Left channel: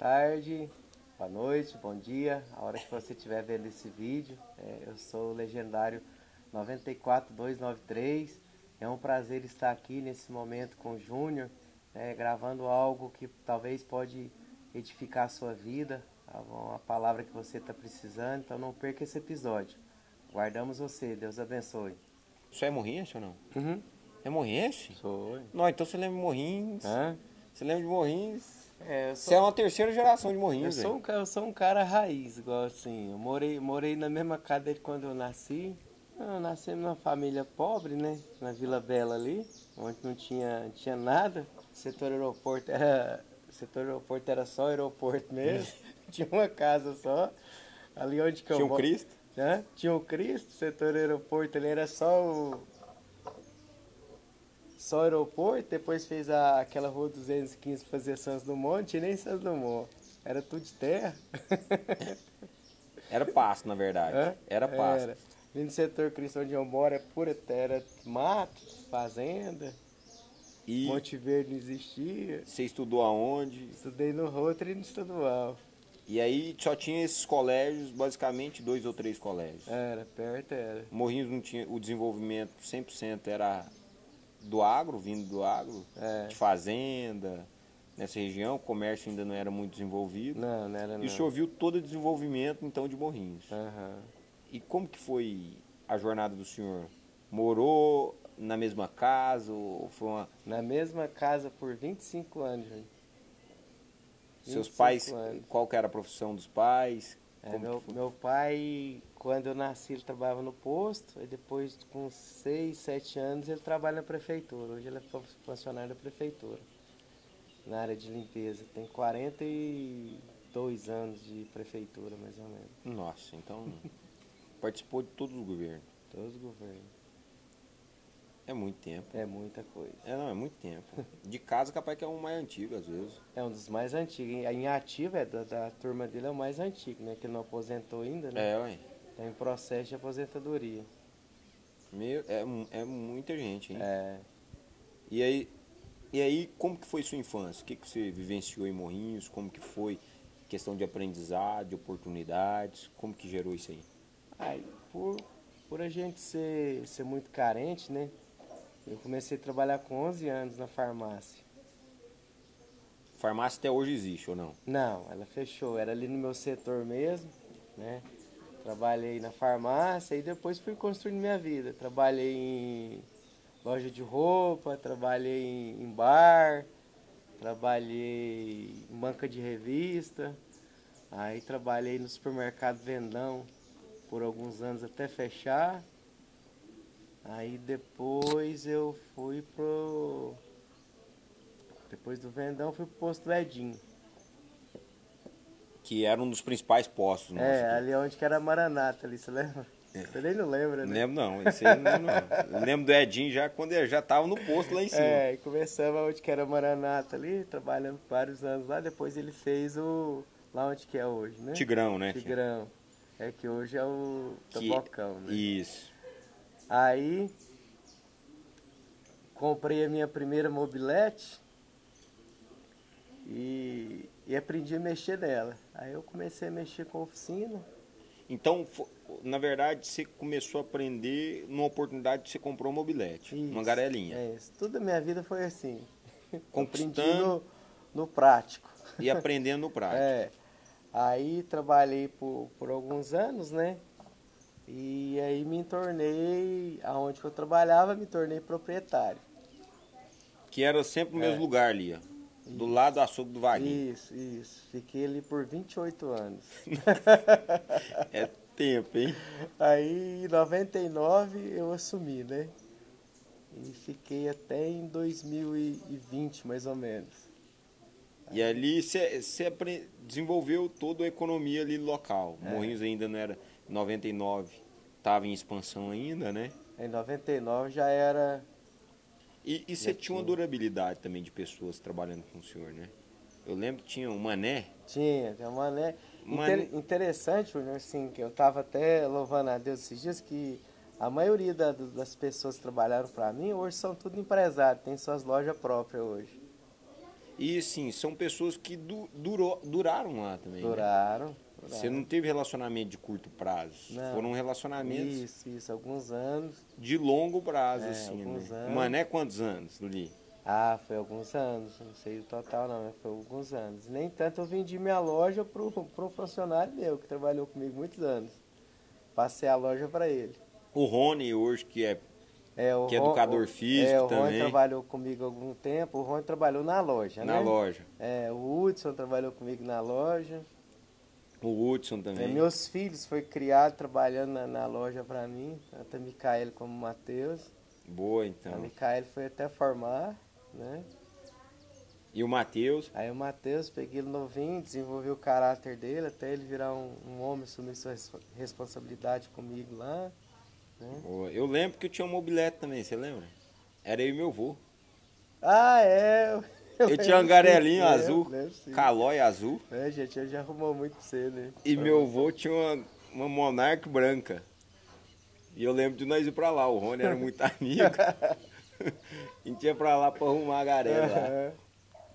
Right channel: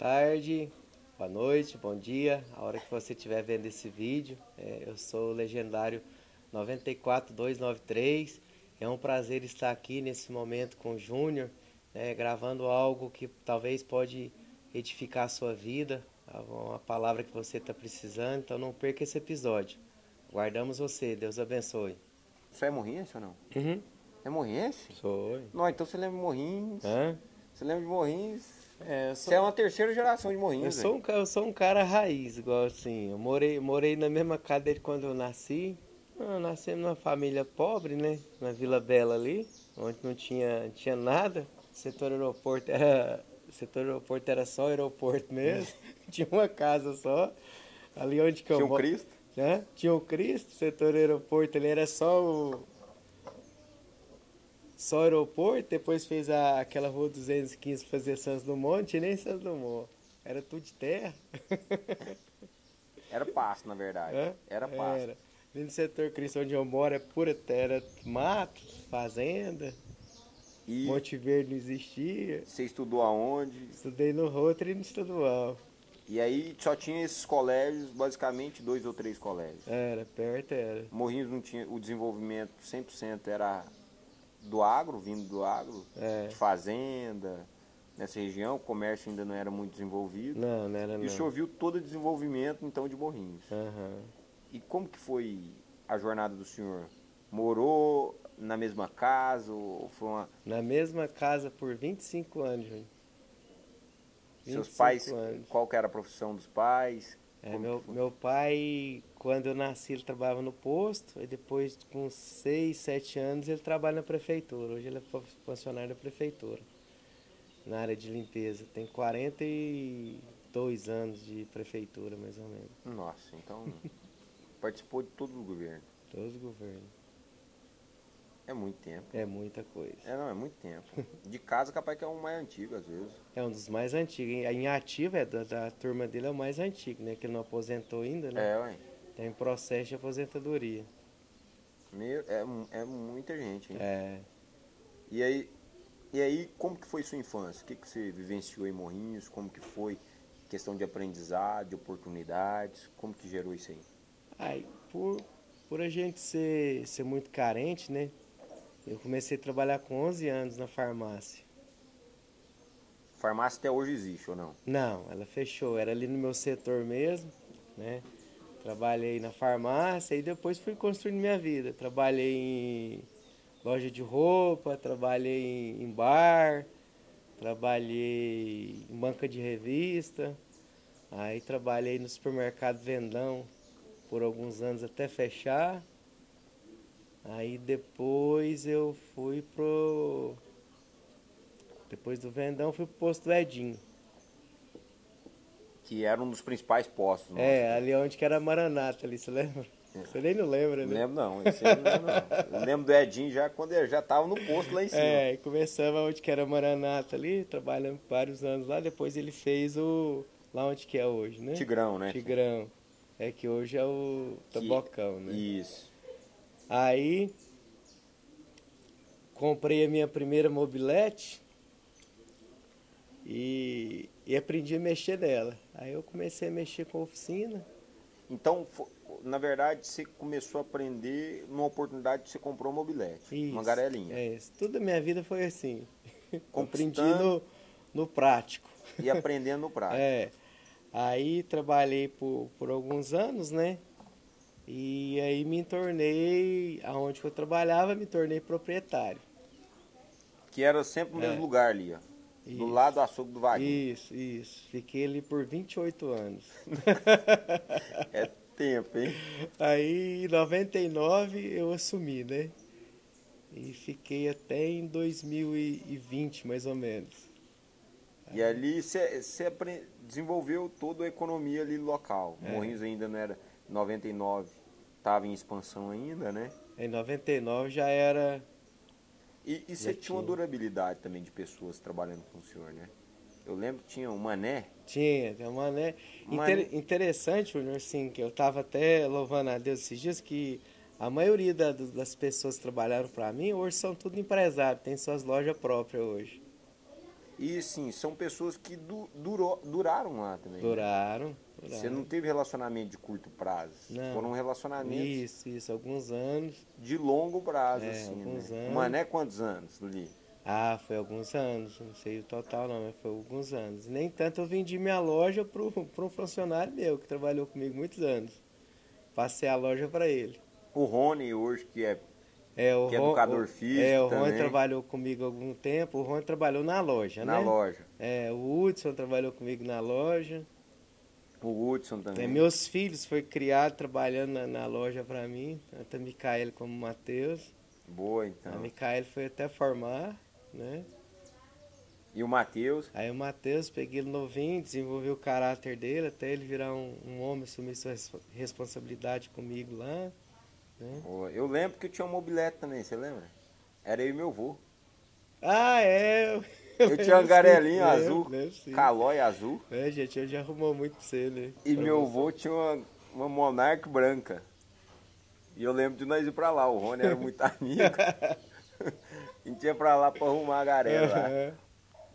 tarde, boa noite, bom dia, a hora que você estiver vendo esse vídeo. Eu sou o Legendário 94293. É um prazer estar aqui nesse momento com o Júnior, gravando algo que talvez pode edificar a sua vida, uma palavra que você está precisando. Então não perca esse episódio. Guardamos você, Deus abençoe. Você é morrinhense ou não? Uhum. É morrinhense? Sou. Não, então você lembra de Morrinhos. Hã? Você lembra de Morrinhos. Eu Você é uma terceira geração de Eu Morrinhos. eu sou um cara raiz, igual assim. Eu morei na mesma casa desde quando eu nasci. Eu nasci numa família pobre, né? Na Vila Bela ali, onde não tinha nada. O setor aeroporto era só aeroporto mesmo. Tinha uma casa só. Ali onde que eu Tinha um moro. Cristo? Né? Tinha o Cristo, o setor aeroporto ali era só aeroporto. Depois fez aquela rua 215 pra fazer Santos Dumont, e nem Santos Dumont. Era tudo de terra. Era pasto, na verdade. Hã? Era pasto. Era. Ali no setor Cristo onde eu moro é pura terra, era mato, fazenda. E Monte Verde não existia. você estudou aonde? Estudei no Rotary e no Estadual. E aí só tinha esses colégios, basicamente 2 ou 3 colégios. Era, perto era. Morrinhos não tinha, o desenvolvimento 100% era do agro, vindo do agro, de fazenda. Nessa região, o comércio ainda não era muito desenvolvido. Não era não. E o senhor viu todo o desenvolvimento, então, de Morrinhos. Aham. E como que foi a jornada do senhor? Morou na mesma casa ou foi uma... Na mesma casa por 25 anos, Júnior. Seus 25 pais, anos. qual que era a profissão dos pais? Meu pai, quando eu nasci, ele trabalhava no posto, e depois, com 6, 7 anos, ele trabalha na prefeitura. Hoje ele é funcionário da prefeitura, na área de limpeza. Tem 42 anos de prefeitura, mais ou menos. Nossa, então participou de todos os governos. Todos os governos. É muito tempo. É muita coisa. É muito tempo. De casa, capaz que é um mais antigo, às vezes. É um dos mais antigos. Em ativo, da turma dele é o mais antigo, né? Que ele não aposentou ainda, né? Ué. Está em processo de aposentadoria. É muita gente, hein? É. E aí, como que foi sua infância? O que você vivenciou em Morrinhos? Como que foi questão de aprendizado, de oportunidades? Como que gerou isso aí? Ai, por a gente ser muito carente, né? Eu comecei a trabalhar com 11 anos na farmácia. Farmácia até hoje existe ou não? Não, ela fechou. Era ali no meu setor mesmo, né? Trabalhei na farmácia e depois fui construindo minha vida. Trabalhei em loja de roupa, trabalhei em bar, trabalhei em banca de revista. Aí trabalhei no supermercado Vendão por alguns anos até fechar. Aí depois eu fui depois do Vendão fui pro posto do Edinho. Que era um dos principais postos. Né? Ali onde que era a Maranata ali, você lembra? Você nem não lembra, né? Lembro não, esse aí não lembro não. Lembro do Edinho já quando ele já tava no posto lá em cima. Começamos onde que era a Maranata ali, trabalhando vários anos lá, depois ele fez lá onde que é hoje, né? Tigrão, né? Tigrão. É que hoje é o Tabocão, né? Isso. Aí comprei a minha primeira mobilete e aprendi a mexer nela. Aí eu comecei a mexer com a oficina. Então, na verdade, você começou a aprender numa oportunidade que você comprou uma mobilete, uma garelinha. Isso. Toda a minha vida foi assim. Aprendi no prático. E aprendendo no prático. Aí trabalhei por alguns anos, né? E aí me tornei, aonde eu trabalhava, me tornei proprietário. Que era sempre no mesmo lugar ali, ó. Do lado do açougue do Vaguinho. Isso. Fiquei ali por 28 anos. É tempo, hein? Aí em 99 eu assumi, né? E fiquei até em 2020, mais ou menos. E ali você desenvolveu toda a economia ali local. Morrinhos ainda não era... 99 estava em expansão ainda, né? Em 99 já era... E você tinha uma durabilidade também de pessoas trabalhando com o senhor, né? Eu lembro que tinha um Mané. Tinha um Mané. Interessante, Júnior, assim, que eu estava até louvando a Deus esses dias, que a maioria das pessoas que trabalharam para mim hoje são tudo empresários, tem suas lojas próprias hoje. E sim, são pessoas que duraram lá também. Né? Duraram. Você não teve relacionamento de curto prazo. Não. Foram relacionamentos. Isso, alguns anos. De longo prazo, assim. Alguns né? anos. Mas não é quantos anos, Luli? Ah, foi alguns anos. Não sei o total, não, mas foi alguns anos. Nem tanto eu vendi minha loja para um funcionário meu, que trabalhou comigo muitos anos. Passei a loja para ele. O Rony, hoje, que é educador físico o Rony também. trabalhou comigo há algum tempo. O Rony trabalhou na loja, né? Na loja. O Hudson trabalhou comigo na loja. O Hudson também. Meus filhos foi criado trabalhando na loja para mim. Tanto a Micaela como o Matheus. Boa, então. A Micaela foi até formar, né? E o Matheus? Aí o Matheus, peguei ele novinho, desenvolvi o caráter dele, até ele virar um homem, assumir sua responsabilidade comigo lá. Né? Eu lembro que eu tinha um mobilete também, você lembra? Era eu e meu avô. Ah, é! Eu tinha um garelinho azul, lembro, calói azul. Gente, já arrumou muito pra você, né? E meu avô tinha uma Monarch branca. E eu lembro de nós ir pra lá, o Rony era muito amigo. A gente ia pra lá pra arrumar a garé lá.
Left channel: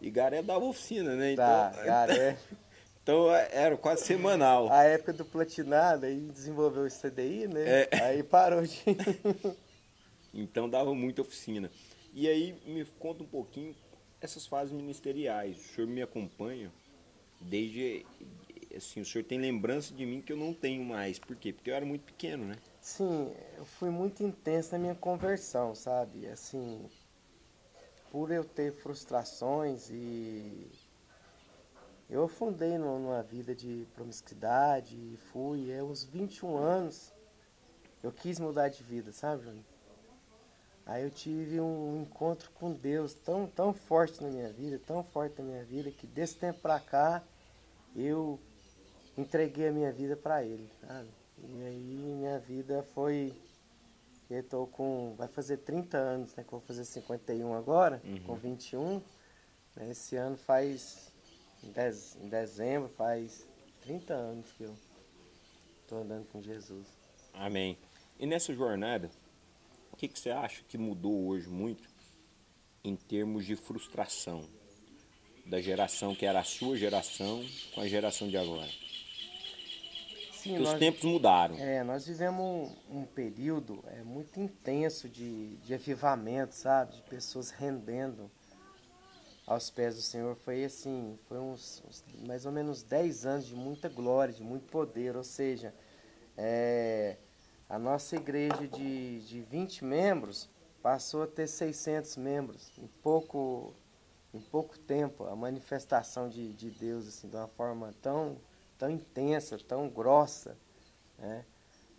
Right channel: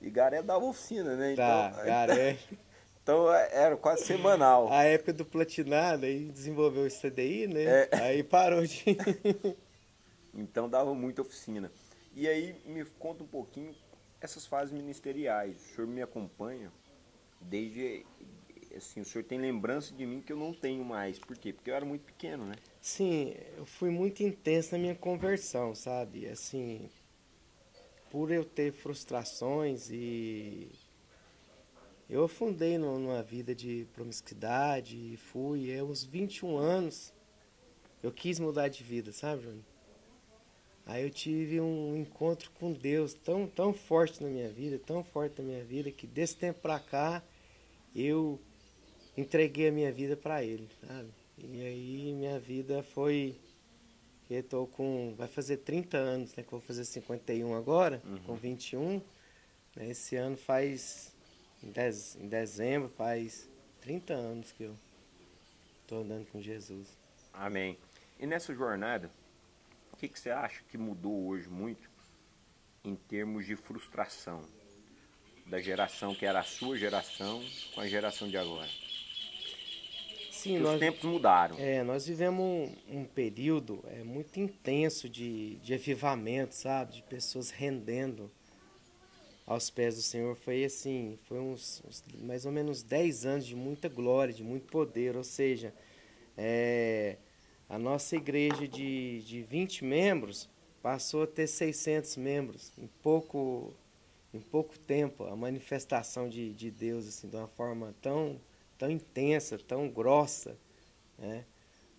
E garé dava oficina, né? Então, garé. Então era quase semanal. A época do platinado, aí desenvolveu o CDI, né? Aí parou de... Então dava muita oficina. E aí me conta um pouquinho essas fases ministeriais. O senhor me acompanha desde... Assim, o senhor tem lembrança de mim que eu não tenho mais. Por quê? Porque eu era muito pequeno, né? Sim, eu fui muito intenso na minha conversão, sabe? Assim, por eu ter frustrações e... Eu afundei numa vida de promiscuidade e fui, aos 21 anos, eu quis mudar de vida, sabe, Júnior? Aí eu tive um encontro com Deus tão forte na minha vida, que desse tempo pra cá, eu entreguei a minha vida pra Ele, sabe? E aí minha vida foi... Eu tô vai fazer 30 anos, né? Que eu vou fazer 51 agora, com 21. Né, esse ano faz... Em dezembro faz 30 anos que eu estou andando com Jesus. Amém. E nessa jornada, o que você acha que mudou hoje muito em termos de frustração da geração que era a sua geração com a geração de agora? Sim, os tempos mudaram. Nós vivemos um período muito intenso de avivamento, sabe? De pessoas rendendo aos pés do Senhor. Foi uns mais ou menos 10 anos de muita glória, de muito poder. Ou seja, a nossa igreja de 20 membros passou a ter 600 membros. Em pouco tempo, a manifestação de Deus, assim, de uma forma tão intensa, tão grossa, né?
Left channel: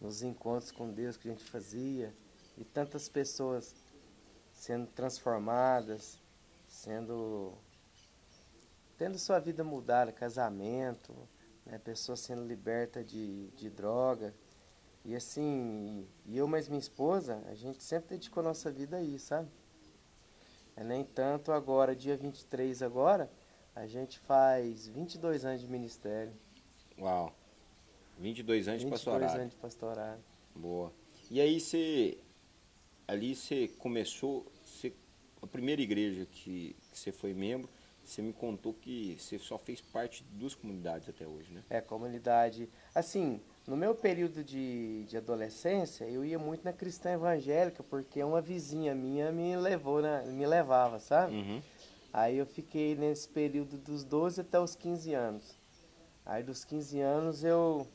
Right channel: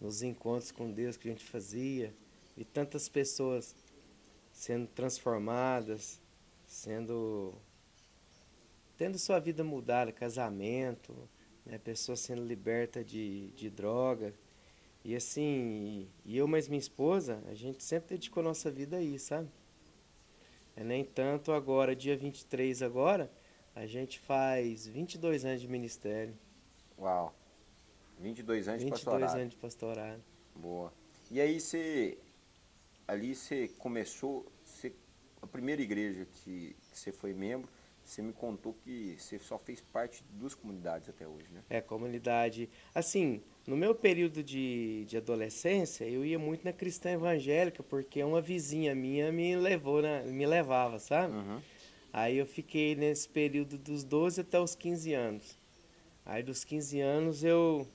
Nos encontros com Deus que a gente fazia. E tantas pessoas sendo transformadas, tendo sua vida mudada, casamento, né? Pessoas sendo libertas de droga. E assim, eu mais minha esposa, a gente sempre dedicou nossa vida a isso, sabe? Nem tanto agora, dia 23 agora, a gente faz 22 anos de ministério. Uau! 22 anos de pastorado. 22 anos de pastorado. Boa. E aí você começou, a primeira igreja que você foi membro, você me contou que você só fez parte de 2 comunidades até hoje, né? Comunidade. Assim, no meu período de adolescência, eu ia muito na cristã evangélica, porque uma vizinha minha me levava, sabe? Uhum. Aí eu fiquei nesse período dos 12 até os 15 anos. Aí dos 15 anos eu...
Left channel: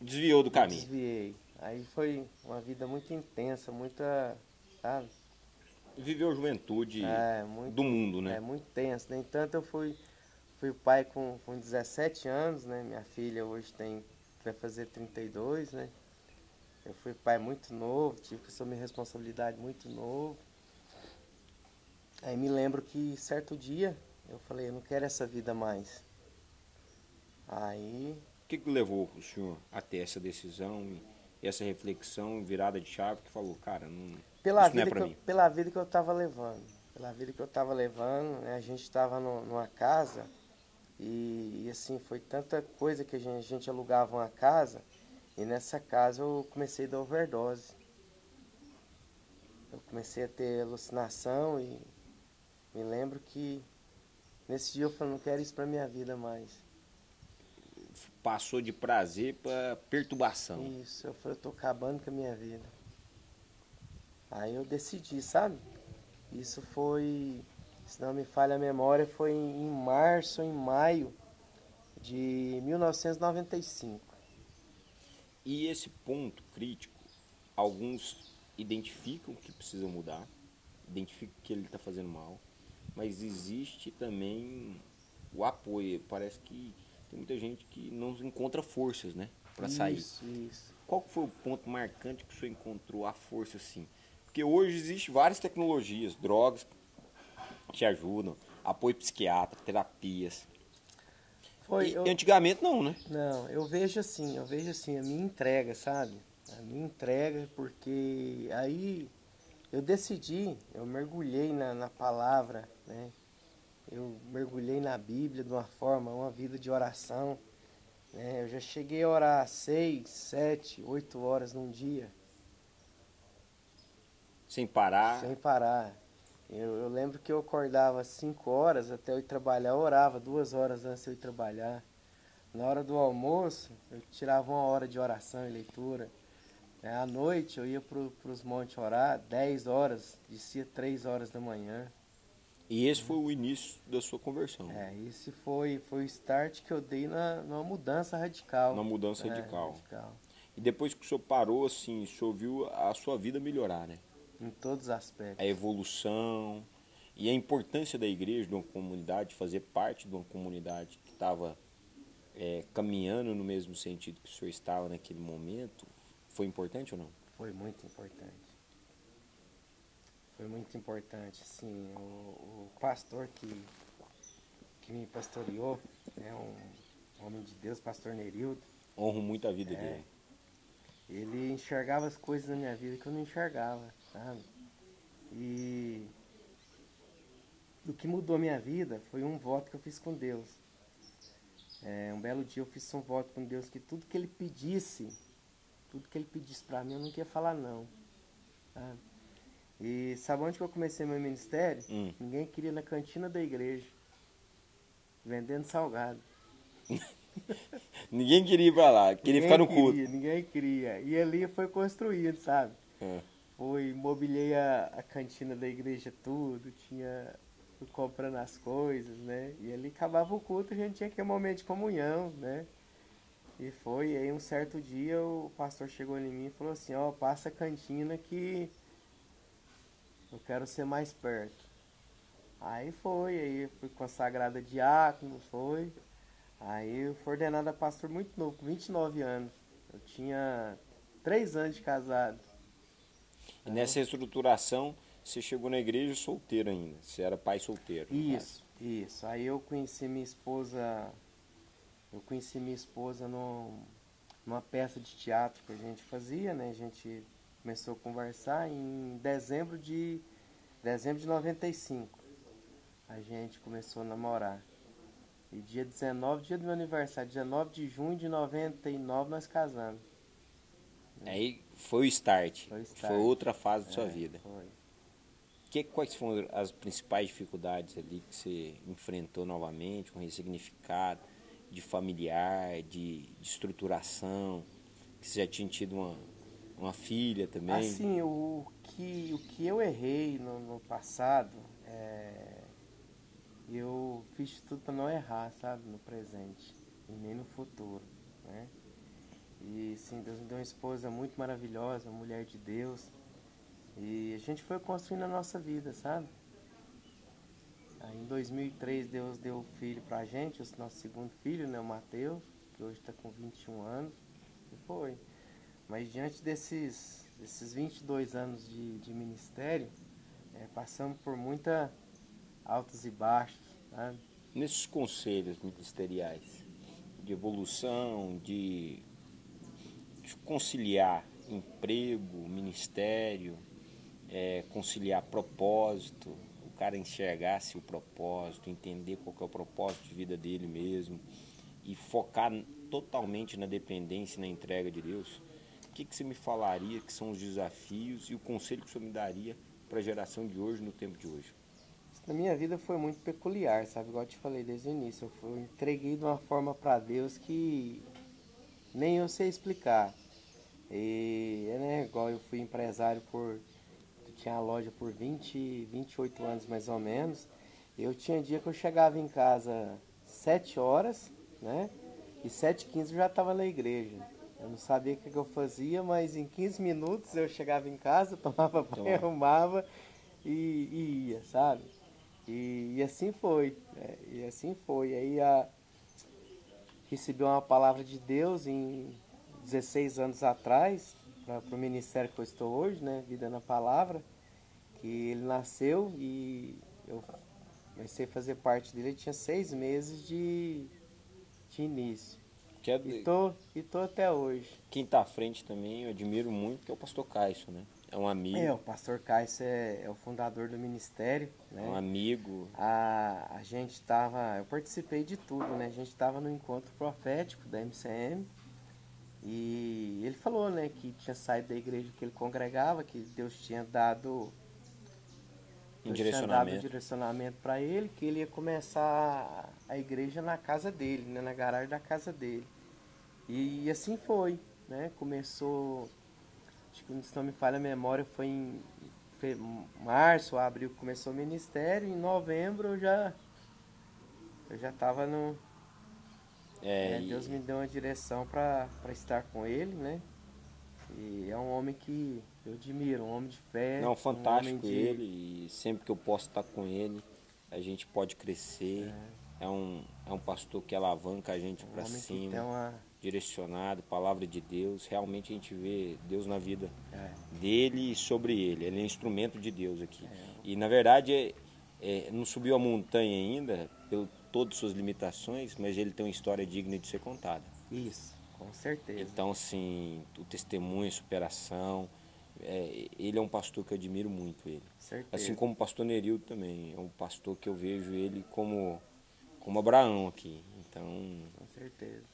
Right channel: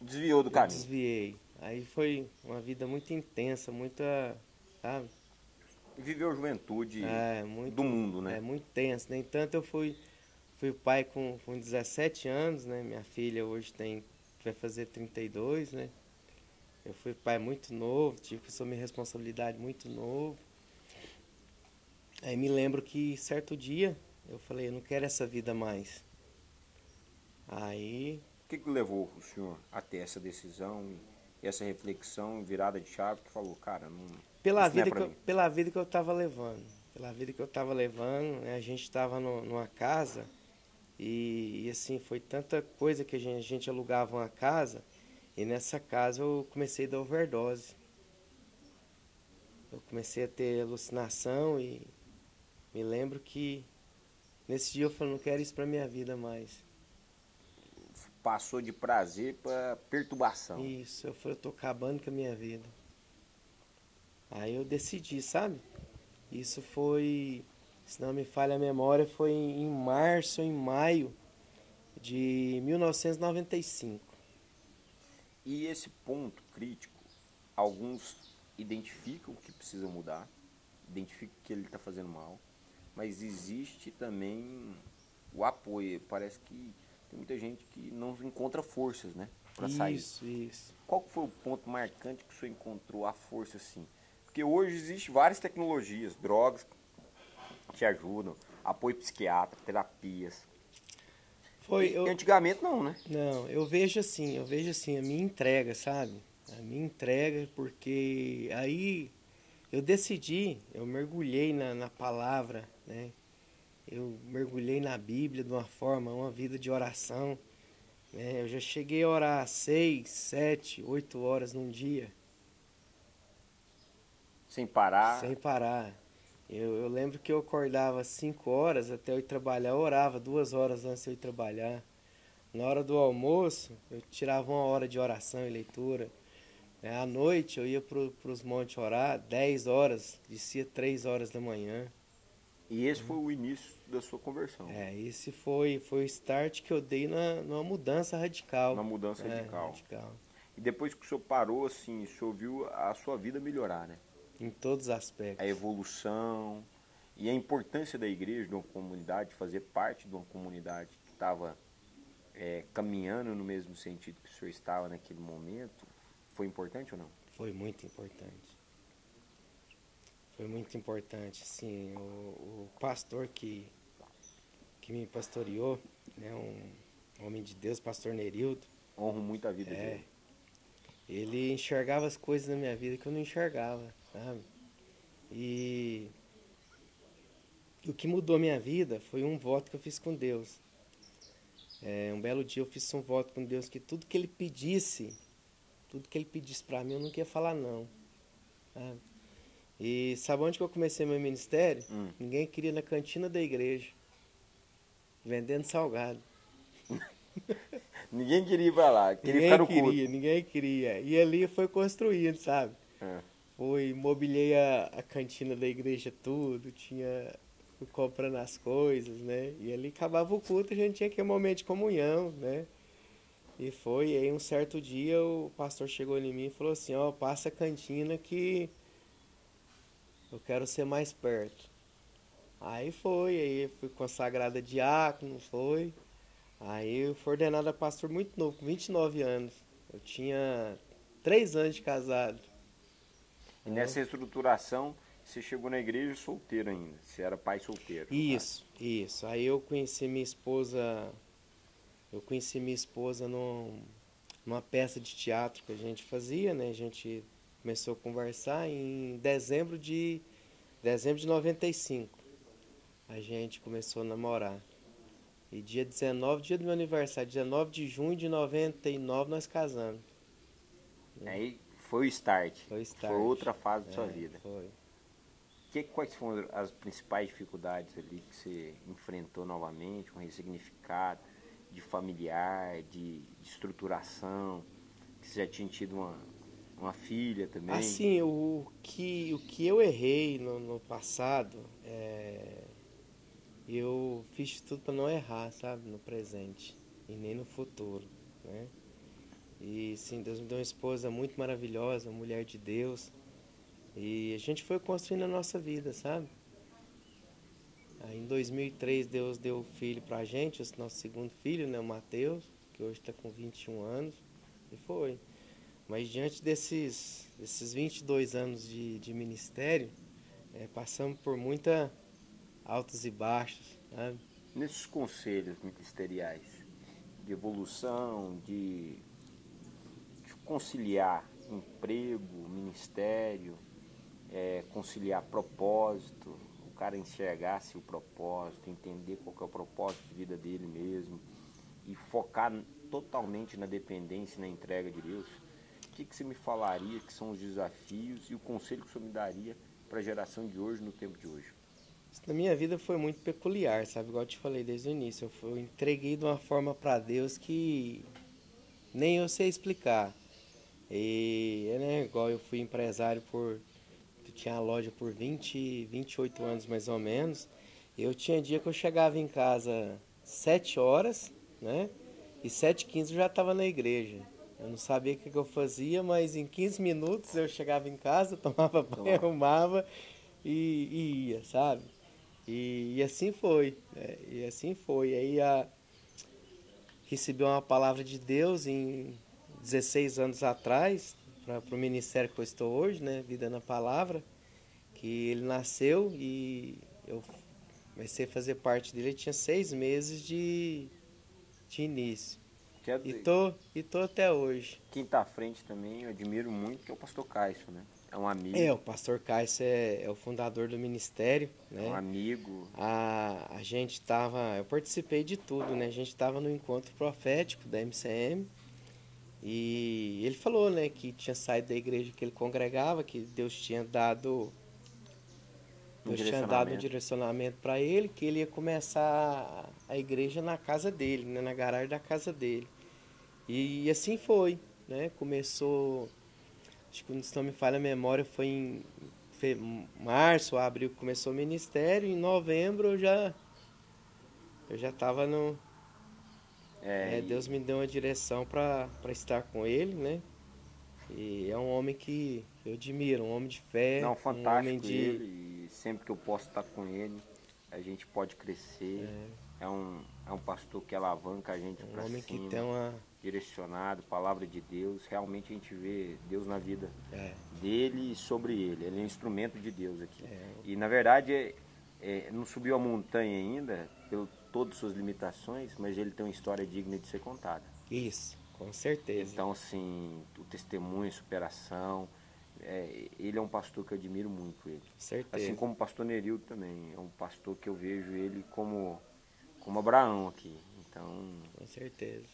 Desviou do caminho. Desviei. Aí foi uma vida muito intensa, muita... Sabe? Viveu a juventude do mundo, né? Muito tenso. Nem tanto eu fui pai com 17 anos, né? Minha filha hoje vai fazer 32, né? Eu fui pai muito novo, tive que assumir responsabilidade muito novo. Aí me lembro que certo dia eu falei, eu não quero essa vida mais. Aí... O que levou o senhor a ter essa decisão, essa reflexão, virada de chave, que falou, cara, pela vida que eu estava levando. Né? A gente estava numa casa e assim, foi tanta coisa que a gente alugava uma casa e nessa casa eu comecei a dar overdose. Eu comecei a ter alucinação e me lembro que Nesse dia eu falei, não quero isso pra minha vida mais. Passou de prazer para perturbação. Isso, eu falei, eu tô acabando com a minha vida. Aí eu decidi, sabe? Isso foi, se não me falha a memória, foi em março ou em maio de 1995. E esse ponto crítico, alguns identificam que precisa mudar, identificam que ele está fazendo mal, mas existe também o apoio. Parece que tem muita gente que não encontra forças, né, para sair. Isso. Qual foi o ponto marcante que o senhor encontrou a força assim? Porque hoje existem várias tecnologias, drogas que te ajudam, apoio psiquiátrico, terapias. E antigamente não, né? Não, eu vejo assim, a minha entrega, sabe? A minha entrega, porque aí eu decidi, eu mergulhei na palavra, né? Eu mergulhei na Bíblia de uma forma, uma vida de oração, né? Eu já cheguei a orar 6, 7, 8 horas num dia. Sem parar? Sem parar. Eu lembro que eu acordava 5 horas até eu ir trabalhar, eu orava 2 horas antes de eu ir trabalhar. Na hora do almoço, eu tirava 1 hora de oração e leitura. À noite, eu ia para os montes orar, 10 horas, descia 3 horas da manhã. E esse foi o início da sua conversão? Esse foi o start que eu dei numa mudança radical. Uma mudança radical. E depois que o senhor parou, assim, o senhor viu a sua vida melhorar, né? Em todos os aspectos. A evolução e a importância da igreja, de uma comunidade, fazer parte de uma comunidade que estava caminhando no mesmo sentido que o senhor estava naquele momento, foi importante ou não? Foi muito importante. Foi muito importante, sim. O pastor que me pastoreou, né, um homem de Deus, pastor Nerildo. Honro muito a vida dele. Ele enxergava as coisas na minha vida que eu não enxergava, sabe? E o que mudou minha vida foi um voto que eu fiz com Deus. Um belo dia eu fiz um voto com Deus que tudo que ele pedisse pra mim, eu não queria falar não, sabe? E sabe onde que eu comecei meu ministério? Ninguém queria na cantina da igreja, vendendo salgado. Ninguém queria ir pra lá, queria ficar no culto. Ninguém queria. E ali foi construído, sabe? Mobiliei a cantina da igreja tudo, fui comprando as coisas, né? E ali acabava o culto, a gente tinha aquele momento de comunhão, né? E aí um certo dia o pastor chegou em mim e falou assim, passa a cantina que eu quero ser mais perto. Aí eu fui consagrado a diácono, Aí eu fui ordenado a pastor muito novo, com 29 anos. Eu tinha 3 anos de casado. E nessa estruturação, você chegou na igreja solteiro ainda, você era pai solteiro. Isso. Aí eu conheci minha esposa numa peça de teatro que a gente fazia, né? A gente começou a conversar em dezembro de 95. A gente começou a namorar. E dia 19, dia do meu aniversário, 19 de junho de 99, nós casamos. Aí foi o start. Foi outra fase da sua vida. Foi. Quais foram as principais dificuldades ali que você enfrentou novamente, um ressignificado de familiar, de estruturação, que você já tinha tido uma filha também? Assim, o que eu errei no passado, eu fiz tudo para não errar, sabe, no presente e nem no futuro, né? E sim, Deus me deu uma esposa muito maravilhosa, uma mulher de Deus, e a gente foi construindo a nossa vida, sabe? Aí em 2003 Deus deu o filho pra gente, o nosso segundo filho, né, o Mateus, que hoje está com 21 anos, e foi. Mas diante desses 22 anos de ministério, passamos por muita altos e baixos, sabe? Nesses conselhos ministeriais de evolução, de conciliar emprego, ministério, conciliar propósito, o cara enxergar-se o propósito, entender qual que é o propósito de vida dele mesmo e focar totalmente na dependência e na entrega de Deus, o que você me falaria que são os desafios e o conselho que o senhor me daria para a geração de hoje, no tempo de hoje? Na minha vida foi muito peculiar, sabe? Igual eu te falei desde o início. Eu entreguei de uma forma para Deus que nem eu sei explicar. E, né, igual eu fui empresário eu tinha a loja por 28 anos mais ou menos. Eu tinha dia que eu chegava em casa 7 horas, né? E 7h15 eu já estava na igreja. Eu não sabia o que eu fazia, mas em 15 minutos eu chegava em casa, tomava banho, arrumava e ia, sabe? E assim foi, né? E assim foi. Recebi uma palavra de Deus em 16 anos atrás, para o ministério que eu estou hoje, né? Vida na Palavra, que ele nasceu e eu comecei a fazer parte dele. Ele tinha 6 meses de início. E tô até hoje. Quem está à frente também, eu admiro muito, que é o pastor Caio, né? É um amigo. O pastor Caio é o fundador do ministério, né? É um amigo. A gente eu participei de tudo, né? A gente estava no encontro profético da MCM e ele falou, né, que tinha saído da igreja que ele congregava, que Deus tinha dado um direcionamento para ele, que ele ia começar a igreja na casa dele, né, na garagem da casa dele. E assim foi, né? Começou, acho que se não me falha a memória, foi em março, abril começou o ministério, em novembro eu já estava no... Deus me deu uma direção para estar com ele, né? E é um homem que eu admiro, um homem de fé. Não, fantástico um homem de... ele, e sempre que eu posso estar com ele, a gente pode crescer. É um pastor que alavanca a gente para cima, que tem direcionado, palavra de Deus. Realmente a gente vê Deus na vida dele e sobre ele. Ele é um instrumento de Deus aqui. E na verdade não subiu a montanha ainda, pelo todas suas limitações, mas ele tem uma história digna de ser contada. Isso, com certeza. Então, assim, o testemunho, a superação, ele é um pastor que eu admiro muito ele. Certeza. Assim como o pastor Nerildo também, é um pastor que eu vejo ele como Abraão aqui. Então, com certeza.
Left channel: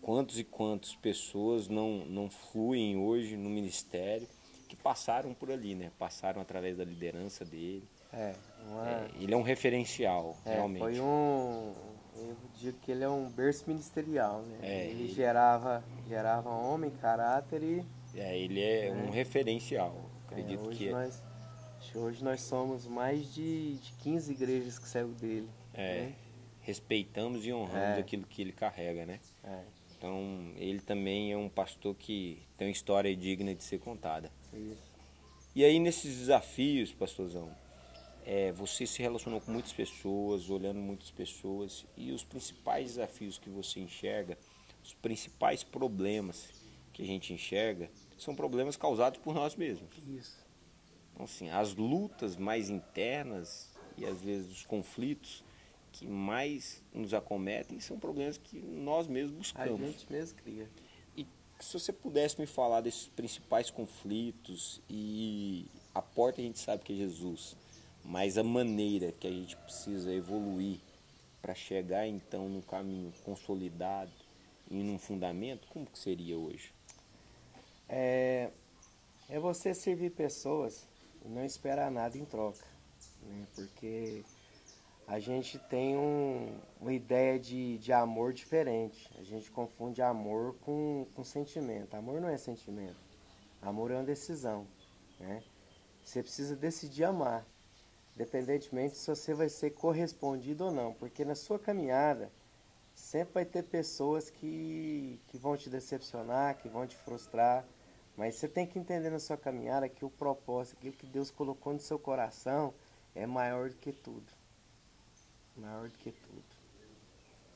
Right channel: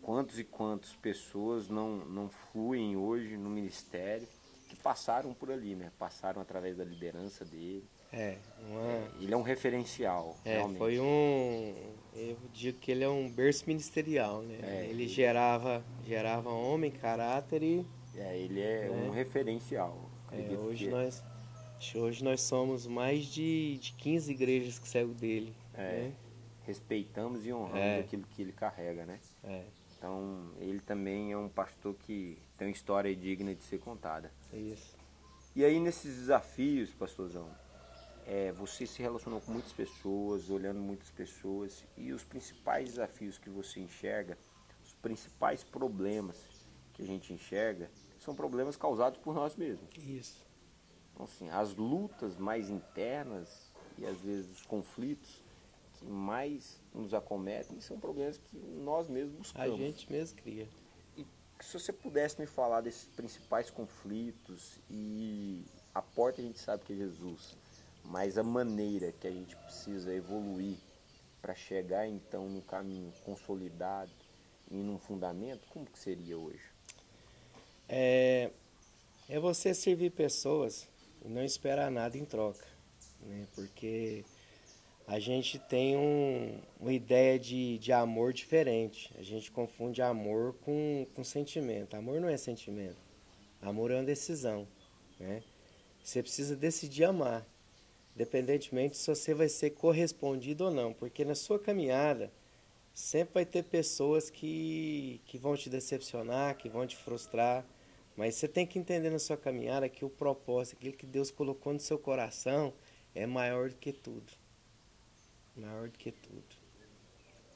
Quantos e quantas pessoas não fluem hoje no ministério que passaram por ali, né? Passaram através da liderança dele. Ele é um referencial, realmente. Eu digo que ele é um berço ministerial, né? Ele gerava homem, caráter e... ele é um referencial. Acredito hoje nós somos mais de 15 igrejas que saíram dele. Né? Respeitamos e honramos aquilo que ele carrega, né? Então, ele também é um pastor que tem uma história digna de ser contada. Isso. E aí, nesses desafios, pastorzão, você se relacionou com muitas pessoas, olhando muitas pessoas, e os principais desafios que você enxerga, os principais problemas que a gente enxerga, são problemas causados por nós mesmos. Isso. Então, assim, as lutas mais internas e às vezes os conflitos que mais nos acometem são problemas que nós mesmos buscamos. A gente mesmo cria. E se você pudesse me falar desses principais conflitos, e a porta a gente sabe que é Jesus, mas a maneira que a gente precisa evoluir para chegar então num caminho consolidado e num fundamento, como que seria hoje? É você servir pessoas e não esperar nada em troca, né? Porque a gente tem uma ideia de amor diferente. A gente confunde amor com sentimento. Amor não é sentimento. Amor é uma decisão, né? Você precisa decidir amar, independentemente se você vai ser correspondido ou não, porque na sua caminhada sempre vai ter pessoas que vão te decepcionar, que vão te frustrar, mas você tem que entender na sua caminhada que o propósito, aquilo que Deus colocou no seu coração, é maior do que tudo. Maior do que tudo.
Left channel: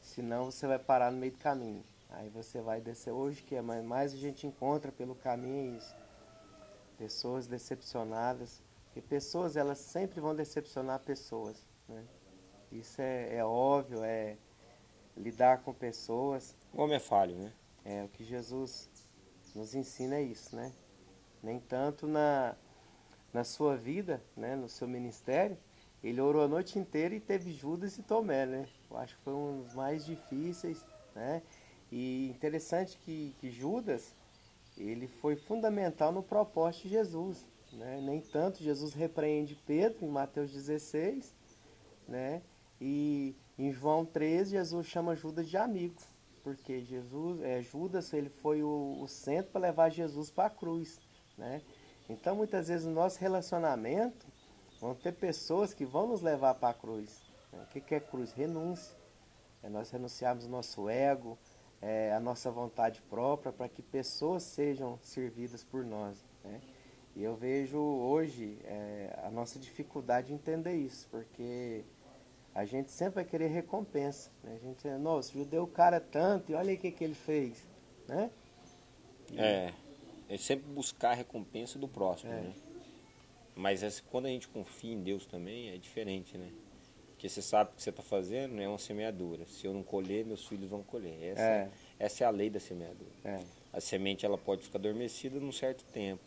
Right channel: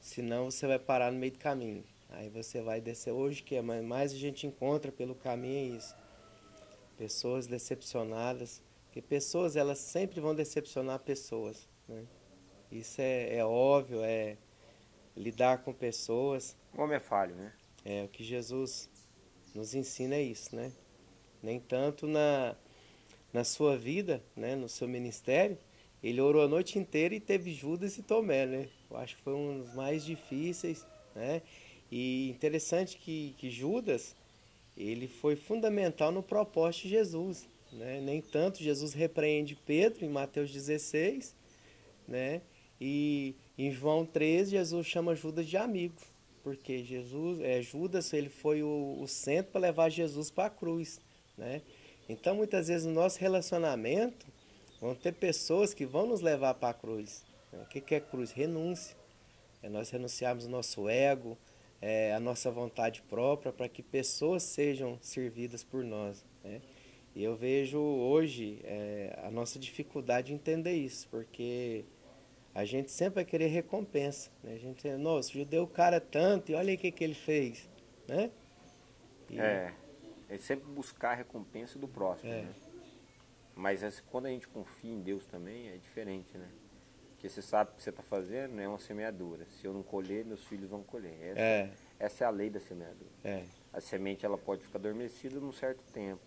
Senão você vai parar no meio do caminho. Aí você vai descer. Hoje que mais a gente encontra pelo caminho é isso. Pessoas decepcionadas. Porque pessoas, elas sempre vão decepcionar pessoas, né? Isso é óbvio, lidar com pessoas. O homem é falho, né? O que Jesus nos ensina é isso, né? Nem tanto na sua vida, né? No seu ministério, ele orou a noite inteira e teve Judas e Tomé, né? Eu acho que foi um dos mais difíceis, né? E interessante que Judas, ele foi fundamental no propósito de Jesus, né? Nem tanto Jesus repreende Pedro em Mateus 16, né? E em João 13, Jesus chama Judas de amigo, porque Judas, ele foi o centro para levar Jesus para a cruz, né? Então, muitas vezes, no nosso relacionamento, vão ter pessoas que vão nos levar para a cruz. Né? O que é cruz? Renúncia. É nós renunciarmos o nosso ego, a nossa vontade própria, para que pessoas sejam servidas por nós, né? E eu vejo hoje a nossa dificuldade de entender isso, porque a gente sempre vai querer recompensa, né? A gente, nossa, o judeu o cara tanto, e olha aí o que ele fez, né? É sempre buscar a recompensa do próximo, né? Mas quando a gente confia em Deus também, é diferente, né? Porque você sabe que o que você está fazendo é uma semeadura. Se eu não colher, meus filhos vão colher. Essa é a lei da semeadura. A semente ela pode ficar adormecida num certo tempo.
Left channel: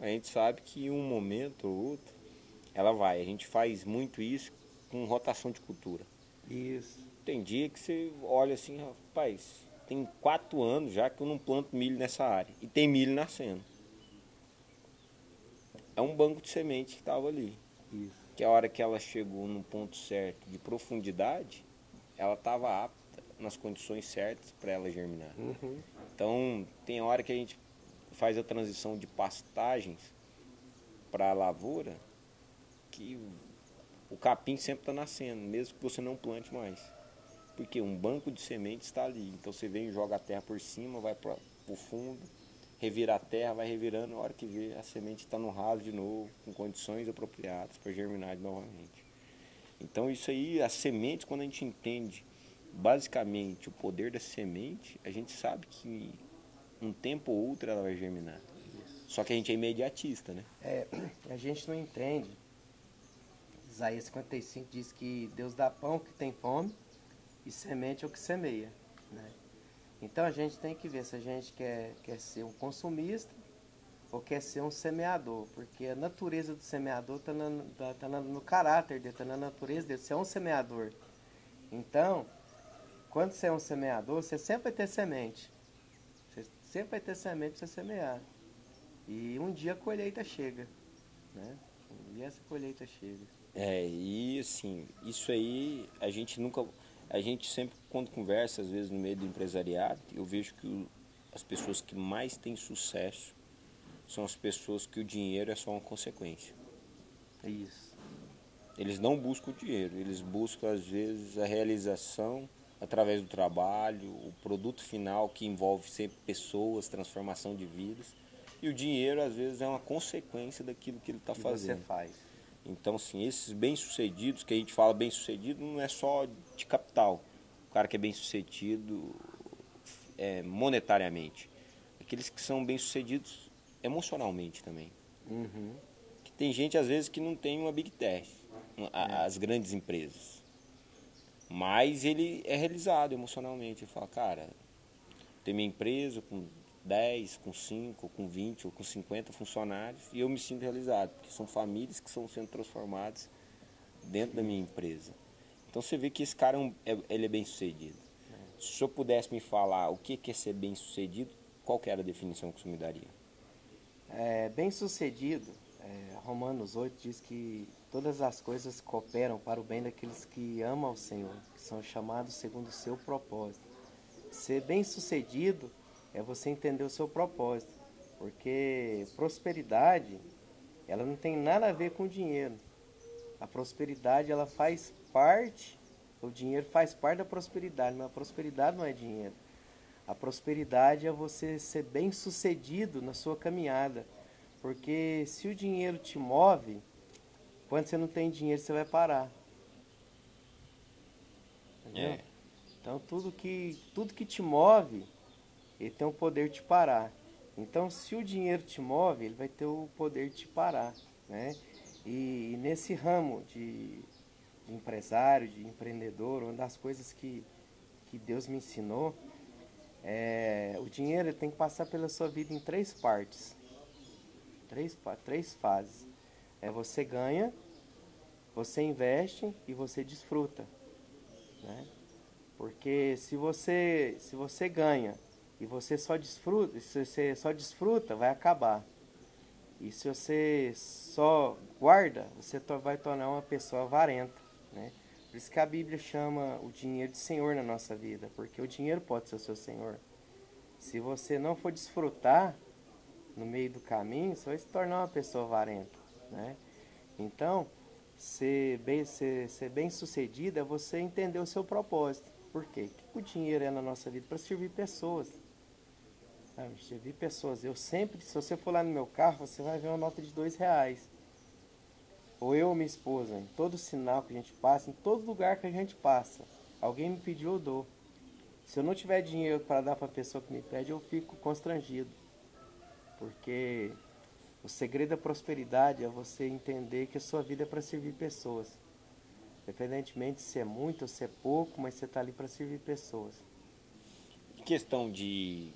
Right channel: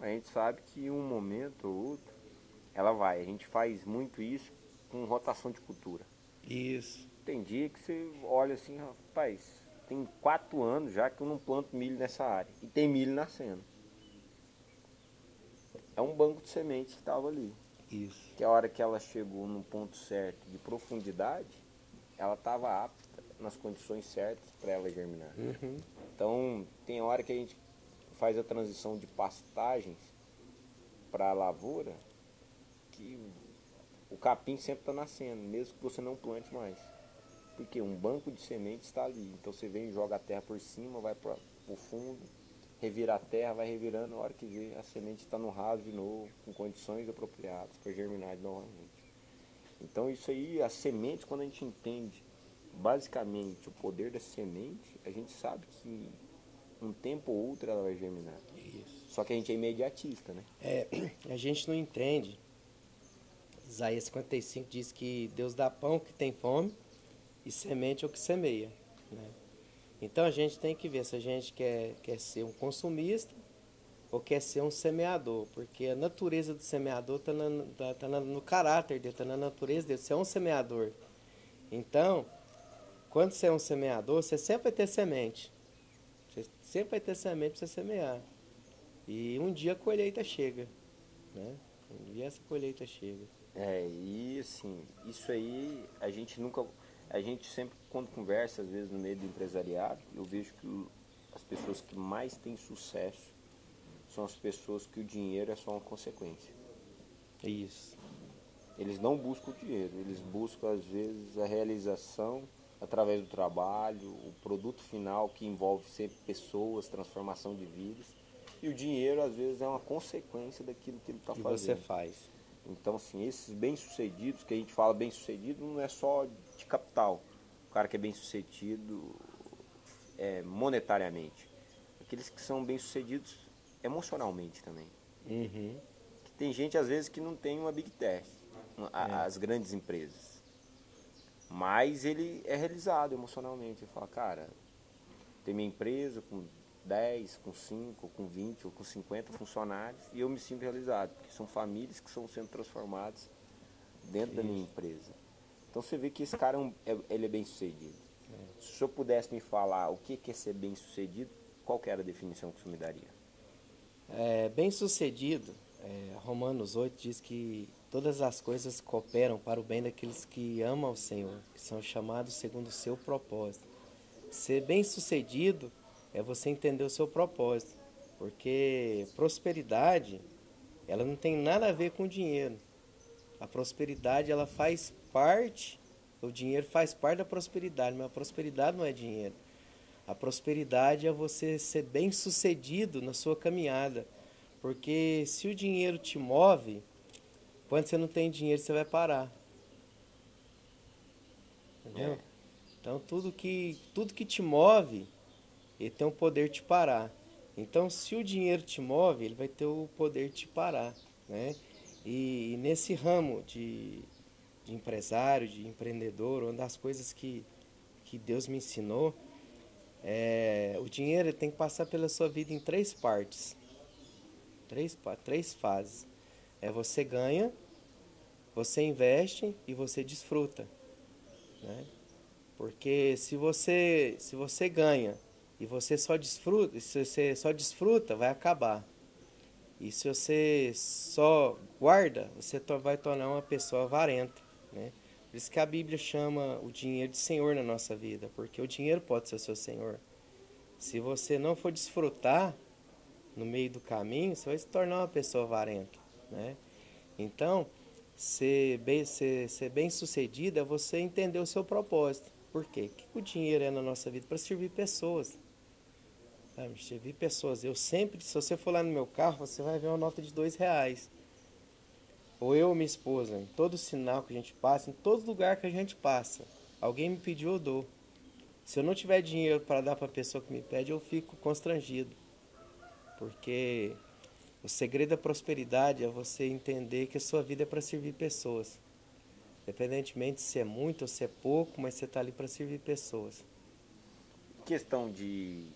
A gente sabe que em um momento ou outro, ela vai. A gente faz muito isso com rotação de cultura. Isso. Tem dia que você olha assim, rapaz, tem 4 anos já que eu não planto milho nessa área. E tem milho nascendo. É um banco de semente que estava ali. Isso. Que a hora que ela chegou no ponto certo de profundidade, ela estava apta nas condições certas para ela germinar. Então, tem hora que a gente faz a transição de pastagens para a lavoura, que o capim sempre está nascendo, mesmo que você não plante mais. Porque um banco de sementes está ali. Então você vem, joga a terra por cima, vai para o fundo, revira a terra, vai revirando, na hora que vê, a semente está no raso de novo, com condições apropriadas para germinar novamente. Então isso aí, a semente, quando a gente entende basicamente o poder da semente, a gente sabe que um tempo ou outro ela vai germinar. Isso. Só que a gente é imediatista, né? A gente não entende. Isaías 55 diz que Deus dá pão que tem fome e semente ao que semeia, né? Então a gente tem que ver se a gente quer ser um consumista ou quer ser um semeador, porque a natureza do semeador está no caráter dele, está na natureza dele. Você é um semeador. Então, quando você é um semeador, você sempre vai ter semente. Você sempre vai ter semente para você semear. E um dia a colheita chega, né? Um dia essa colheita chega. E assim, isso aí a gente sempre quando conversa, às vezes no meio do empresariado, eu vejo que as pessoas que mais têm sucesso são as pessoas que o dinheiro é só uma consequência. Isso. Eles não buscam o dinheiro, eles buscam às vezes a realização através do trabalho, o produto final que envolve sempre pessoas, transformação de vidas. E o dinheiro às vezes é uma consequência daquilo que ele está fazendo. Você faz. Então, assim, esses bem-sucedidos, que a gente fala bem-sucedido, não é só de capital. O cara que é bem-sucedido monetariamente. Aqueles que são bem-sucedidos emocionalmente também. Que tem gente, às vezes, que não tem uma Big Tech, as grandes empresas. Mas ele é realizado emocionalmente. Ele fala, cara, tem minha empresa com 10, com 5, com 20 ou com 50 funcionários e eu me sinto realizado, porque são famílias que estão sendo transformadas dentro da minha empresa. Então você vê que esse cara ele é bem sucedido. Se o senhor pudesse me falar o que é ser bem sucedido, qual que era a definição que o senhor me daria? Bem sucedido, Romanos 8 diz que todas as coisas cooperam para o bem daqueles que amam ao Senhor, que são chamados segundo o seu propósito. Ser bem sucedido é você entender o seu propósito, porque prosperidade, ela não tem nada a ver com dinheiro. A prosperidade, ela faz parte, o dinheiro faz parte da prosperidade, mas a prosperidade não é dinheiro. A prosperidade é você ser bem sucedido na sua caminhada, porque se o dinheiro te move, quando você não tem dinheiro você vai parar. Entendeu? Então tudo que te move, ele tem o poder de te parar. Então, se o dinheiro te move, ele vai ter o poder de te parar, né? E nesse ramo de empresário, de empreendedor, uma das coisas que Deus me ensinou, o dinheiro tem que passar pela sua vida em 3 partes. 3 fases. Você ganha, você investe e você desfruta, né? Porque se você ganha e você só desfruta, vai acabar. E se você só guarda, você vai tornar uma pessoa avarenta, né? Por isso que a Bíblia chama o dinheiro de Senhor na nossa vida, porque o dinheiro pode ser o seu Senhor. Se você não for desfrutar no meio do caminho, você vai se tornar uma pessoa avarenta, né? Então, ser bem sucedido é você entender o seu propósito. Por quê? O que o dinheiro é na nossa vida? Para servir pessoas. Sabe? Servir pessoas. Eu sempre, se você for lá no meu carro, você vai ver uma nota de R$ 2. Ou eu ou minha esposa, em todo sinal que a gente passa, em todo lugar que a gente passa, alguém me pediu, eu dou. Se eu não tiver dinheiro para dar para a pessoa que me pede, eu fico constrangido. Porque o segredo da prosperidade é você entender que a sua vida é para servir pessoas. Independentemente se é muito ou se é pouco, mas você está ali para servir pessoas. Em questão de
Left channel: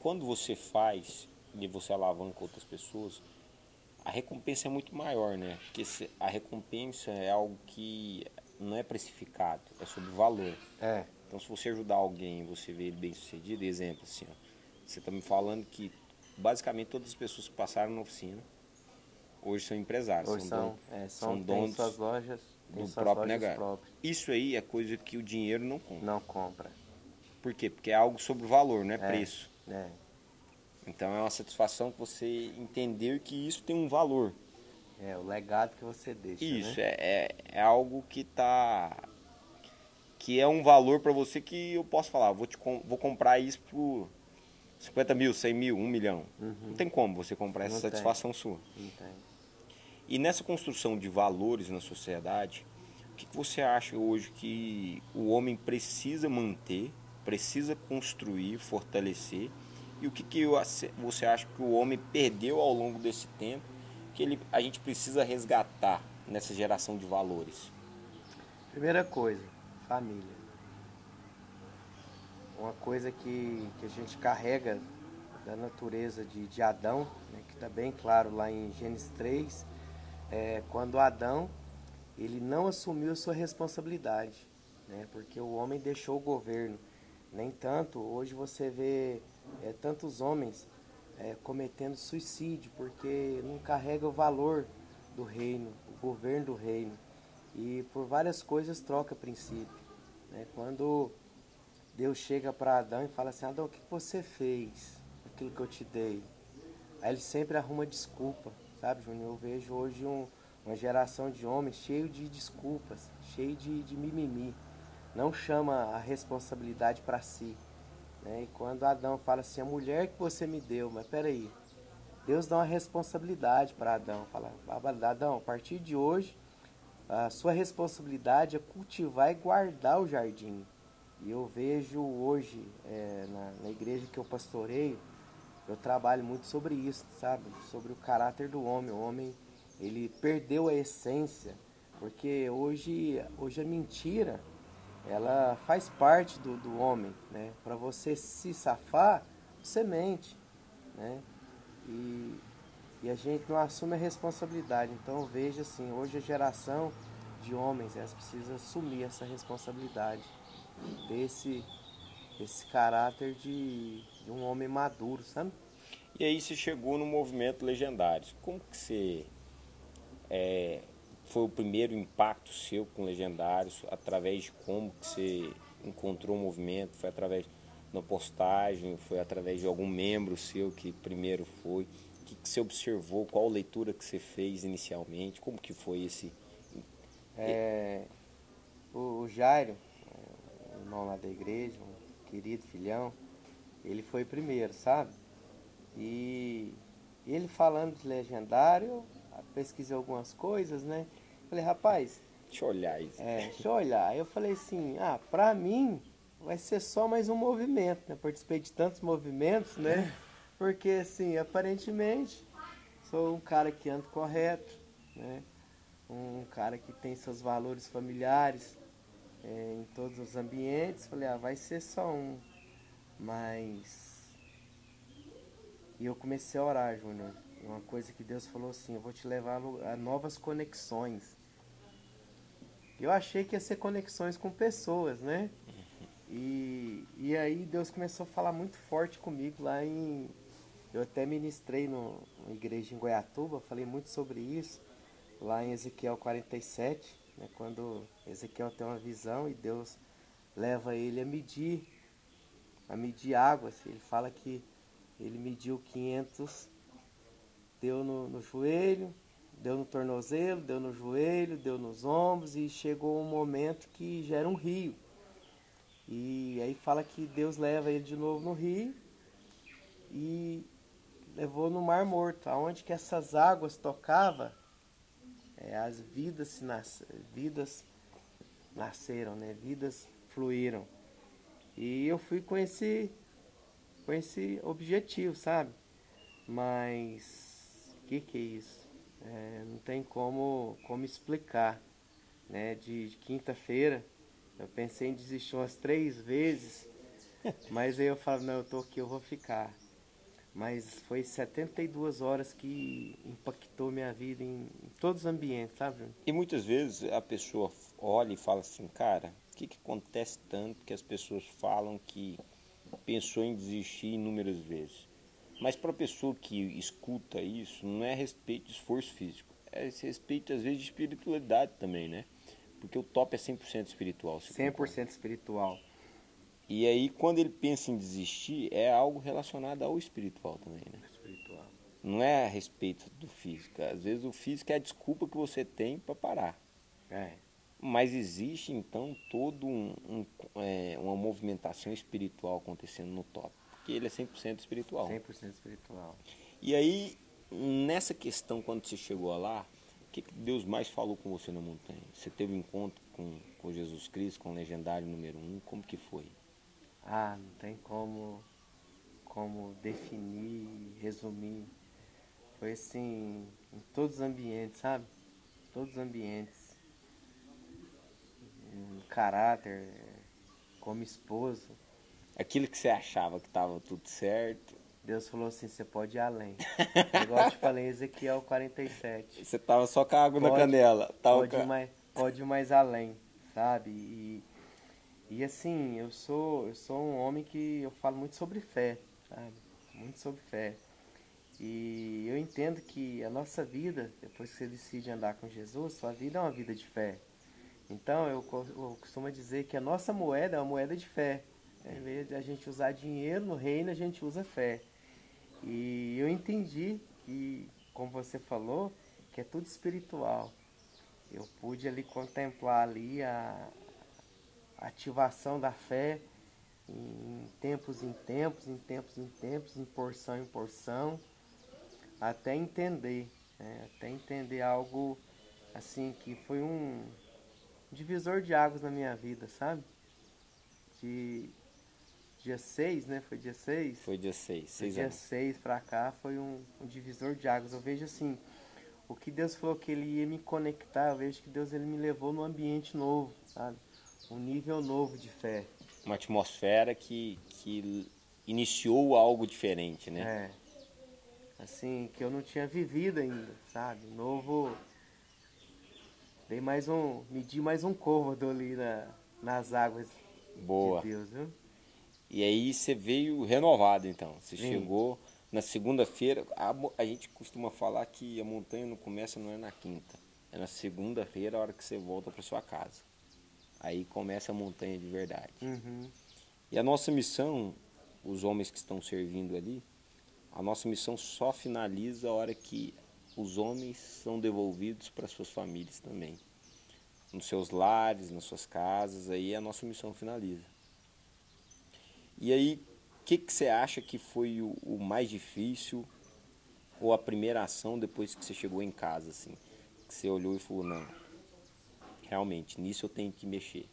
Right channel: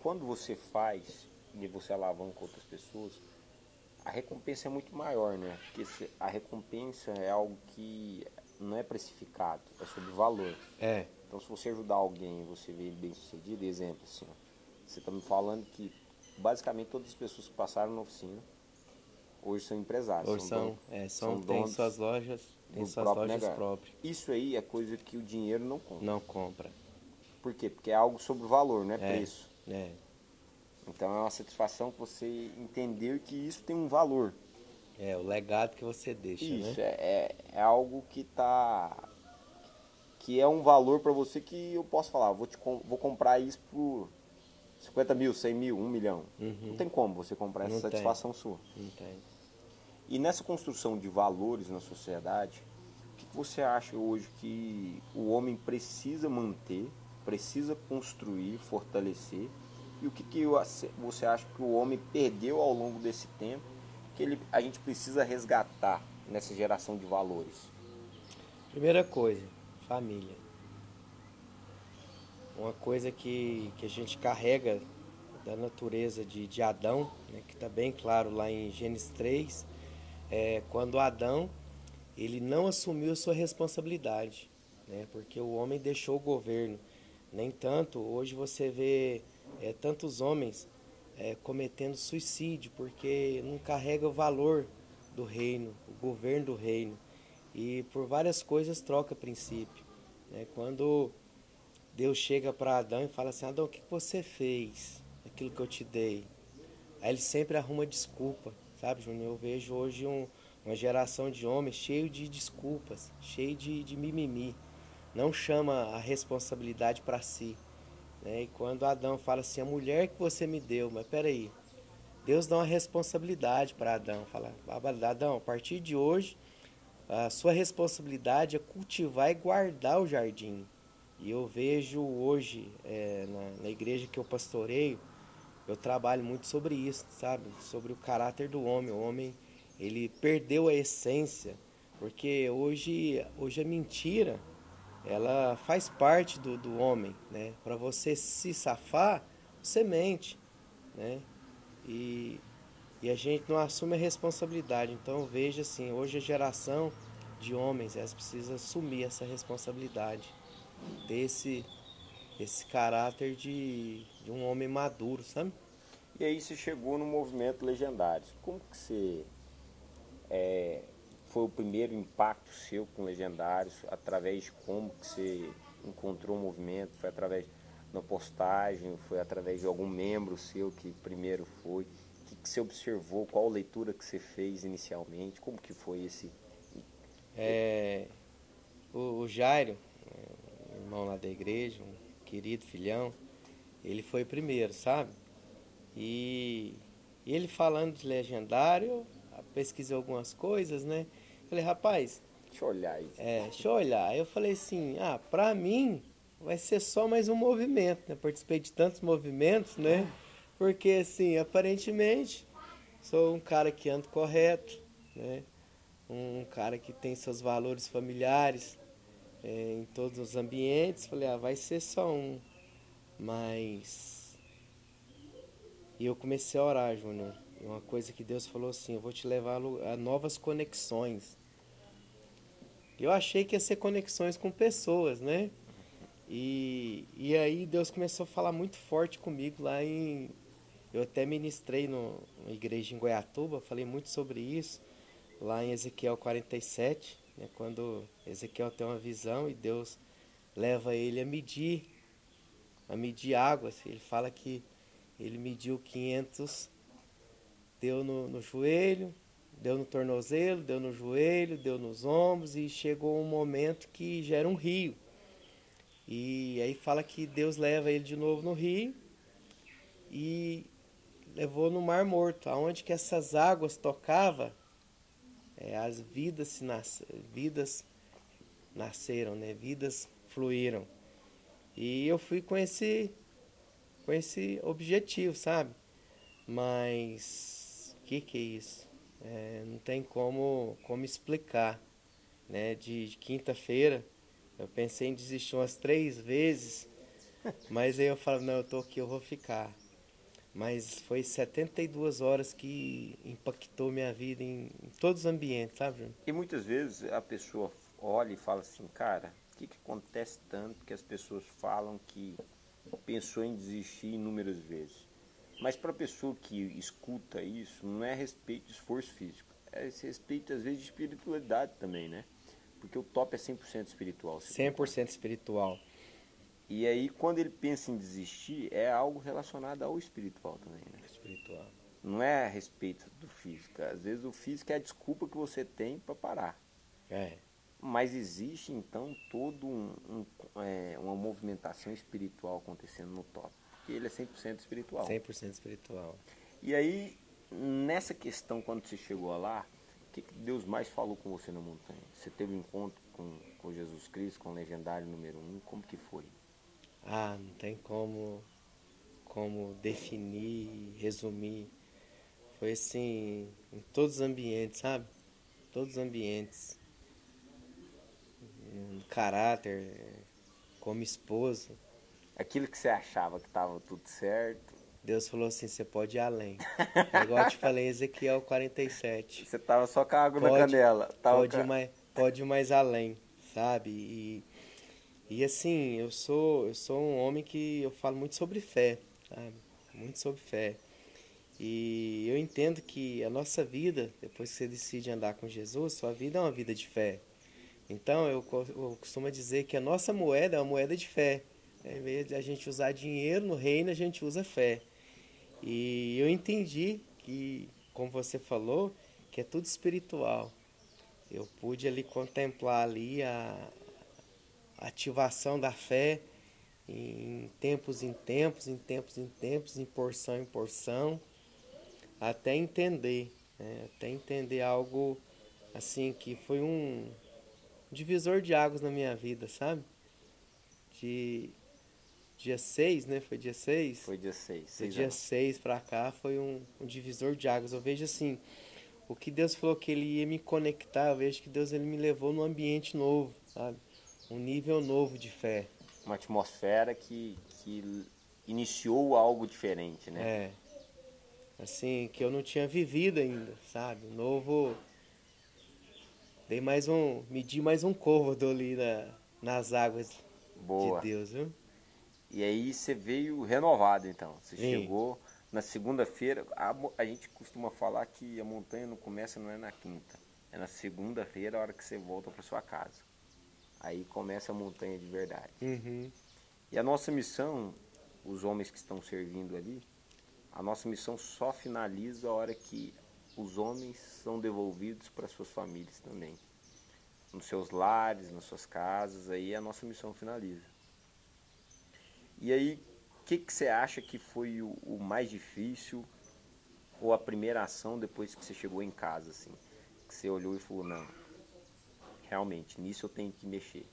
quando você faz e você alavanca outras pessoas, a recompensa é muito maior, né? Porque a recompensa é algo que não é precificado, é sobre valor. É. Então, se você ajudar alguém, você vê ele bem sucedido, exemplo assim, ó, você está me falando que basicamente todas as pessoas que passaram na oficina hoje são empresários. Hoje são tem donos suas lojas, tem suas lojas próprias. Isso aí é coisa que o dinheiro não compra. Não compra. Por quê? Porque é algo sobre valor, não é preço. É. Então é uma satisfação você entender que isso tem um valor. É, o legado que você deixa, isso, né? é algo que é um valor para você que eu posso falar, vou comprar isso por 50 mil, 100 mil, 1 milhão. Não tem como você comprar essa satisfação sua. Não tem. E nessa construção de valores na sociedade, o que você acha hoje que o homem precisa manter, precisa construir, fortalecer? E o que você acha que o homem perdeu ao longo desse tempo, que a gente precisa resgatar nessa geração de valores? Primeira coisa, família. Uma coisa que a gente carrega da natureza de Adão, né, que está bem claro lá em Gênesis 3, quando Adão ele não assumiu a sua responsabilidade, né, porque o homem deixou o governo. Nem tanto, hoje você vê tantos homens cometendo suicídio, porque não carrega o valor do reino, o governo do reino. E por várias coisas troca princípio. Né? Quando Deus chega para Adão e fala assim, Adão, o que você fez? Aquilo que eu te dei. Aí ele sempre arruma desculpa, sabe, Júnior? Eu vejo hoje uma geração de homens cheio de desculpas, cheio de mimimi. Não chama a responsabilidade para si. Né? E quando Adão fala assim, a mulher que você me deu, mas peraí, Deus dá uma responsabilidade para Adão. Fala, Adão, a partir de hoje, a sua responsabilidade é cultivar e guardar o jardim. E eu vejo hoje, na igreja que eu pastoreio, eu trabalho muito sobre isso, sabe? Sobre o caráter do homem. O homem, ele perdeu a essência, porque hoje a mentira, ela faz parte do homem, né? Para você se safar, você mente, né? E a gente não assume a responsabilidade. Então eu vejo assim, hoje a geração de homens, elas precisam assumir essa responsabilidade, ter esse caráter de um homem maduro, sabe? E aí você chegou no movimento Legendários. Como que você foi o primeiro impacto seu com Legendários? Através de como que você encontrou o movimento? Foi através da postagem? Foi através de algum membro seu que primeiro foi? O que você observou? Qual leitura que você fez inicialmente? Como que foi esse... O Jairo, irmão lá da igreja, um querido filhão, ele foi primeiro, sabe? E ele falando de Legendário, eu pesquisei algumas coisas, né? Falei, rapaz... Deixa eu olhar isso. Deixa eu olhar. Aí eu falei assim, pra mim vai ser só mais um movimento, né? Participei de tantos movimentos, né? Porque, assim, aparentemente, sou um cara que anda correto, né? Um cara que tem seus valores familiares em todos os ambientes. Falei, vai ser só um. Mas... E eu comecei a orar, Júnior. Uma coisa que Deus falou assim, eu vou te levar a novas conexões. Eu achei que ia ser conexões com pessoas, né? E aí Deus começou a falar muito forte comigo lá em... Eu até ministrei numa igreja em Goiatuba, falei muito sobre isso, lá em Ezequiel 47. né? Quando Ezequiel tem uma visão e Deus leva ele a medir águas. Ele fala que ele mediu 500, deu no joelho, deu no tornozelo, deu no joelho, deu nos ombros e chegou um momento que já era um rio. E aí fala que Deus leva ele de novo no rio e levou no Mar Morto, aonde que essas águas tocavam, as vidas nasceram, né? Vidas fluíram. E eu fui com esse objetivo, sabe? Mas que é isso? Não tem como explicar, né? De quinta-feira eu pensei em desistir umas 3 vezes, mas aí eu falo, não, eu tô aqui, eu vou ficar. Mas foi 72 horas que impactou minha vida em todos os ambientes, sabe, Júnior? E muitas vezes a pessoa olha e fala assim, cara, o que acontece tanto que as pessoas falam que pensou em desistir inúmeras vezes? Mas para a pessoa que escuta isso, não é a respeito de esforço físico, é esse respeito às vezes de espiritualidade também, né? Porque o top é 100% espiritual. 100% espiritual. E aí, quando ele pensa em desistir, é algo relacionado ao espiritual também, né? Espiritual. Não é a respeito do físico. Às vezes o físico é a desculpa que você tem para parar. Mas existe, então, todo uma movimentação espiritual acontecendo no top. Porque ele é 100% espiritual. 100% espiritual. E aí, nessa questão, quando você chegou lá, o que Deus mais falou com você na montanha? Você teve um encontro com Jesus Cristo, com o legendário número 1, como que foi? Não tem como definir, resumir. Foi assim, em todos os ambientes, sabe? Todos os ambientes. Caráter, como esposo. Aquilo que você achava que estava tudo certo. Deus falou assim, você pode ir além. Igual eu te falei, Ezequiel 47. Você tava só com a água na canela. Pode ir mais além, sabe? E assim, eu sou um homem que eu falo muito sobre fé, sabe? Muito sobre fé. E eu entendo que a nossa vida, depois que você decide andar com Jesus, sua vida é uma vida de fé. Então, eu costumo dizer que a nossa moeda é uma moeda de fé. Em vez de a gente usar dinheiro no reino, a gente usa fé. E eu entendi que, como você falou, que é tudo espiritual. Eu pude ali contemplar ali a ativação da fé em tempos, em porção, até entender, né? Até entender algo assim que foi um divisor de águas na minha vida, sabe? De dia 6, né? Foi dia 6? Foi dia 6. Do dia 6 pra cá foi um divisor de águas. Eu vejo assim, o que Deus falou que Ele ia me conectar, eu vejo que Deus ele me levou num ambiente novo, sabe? Um nível novo de fé. Uma atmosfera que iniciou algo diferente, né? Assim, que eu não tinha vivido ainda, sabe? Novo. Medi mais um côvado ali nas águas. Boa. De Deus, viu? E aí você veio renovado, então. Você chegou na segunda-feira. A gente costuma falar que a montanha não começa, não é na quinta. É na segunda-feira, a hora que você volta para sua casa. Aí começa a montanha de verdade. Uhum. E a nossa missão, os homens que estão servindo ali, a nossa missão só finaliza a hora que os homens são devolvidos para suas famílias também. Nos seus lares, nas suas casas, aí a nossa missão finaliza. E aí, o que você acha que foi o mais difícil, ou a primeira ação depois que você chegou em casa, assim? Que você olhou e falou, não, realmente, nisso eu tenho que mexer.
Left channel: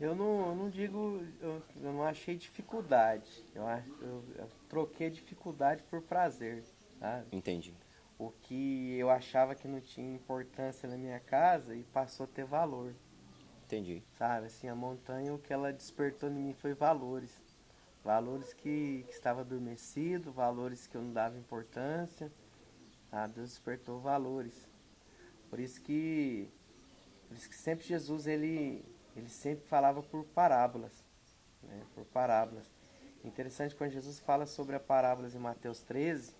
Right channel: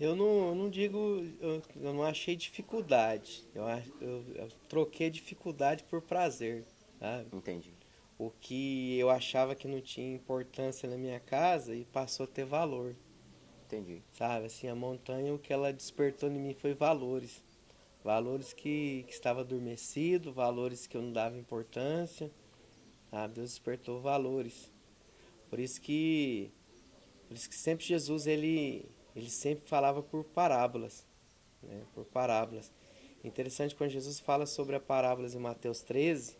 Eu não digo, eu não achei dificuldade. Eu troquei dificuldade por prazer, sabe? Entendi. O que eu achava que não tinha importância na minha casa e passou a ter valor. Entendi. Sabe, assim, a montanha, o que ela despertou em mim foi valores. Valores que estava adormecido, valores que eu não dava importância. Sabe? Deus despertou valores. Por isso que sempre Jesus, ele sempre falava por parábolas. Né? Por parábolas. Interessante quando Jesus fala sobre a parábolas em Mateus 13,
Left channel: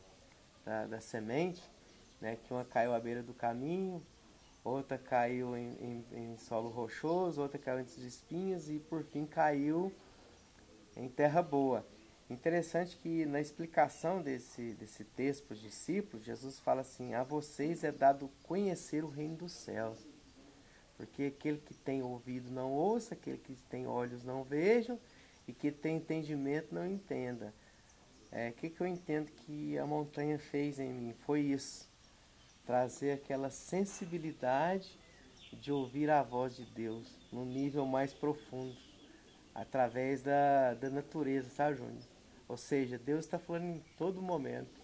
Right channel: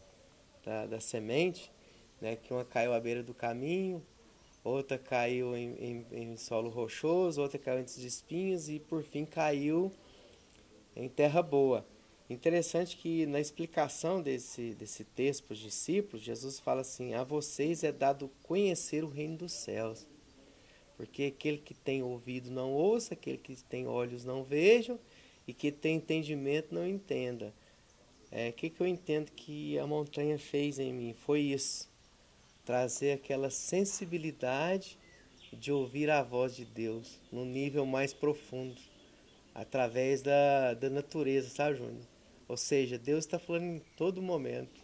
da semente, né? Que uma caiu à beira do caminho, outra caiu em solo rochoso, outra caiu entre os espinhos e por fim caiu em terra boa. Interessante que na explicação desse texto para os discípulos, Jesus fala assim: a vocês é dado conhecer o reino dos céus. Porque aquele que tem ouvido não ouça, aquele que tem olhos não vejam, e que tem entendimento não entenda. Que eu entendo que a montanha fez em mim? Foi isso. Trazer aquela sensibilidade de ouvir a voz de Deus num nível mais profundo, através da natureza, sabe, Júnior? Ou seja, Deus está falando em todo momento.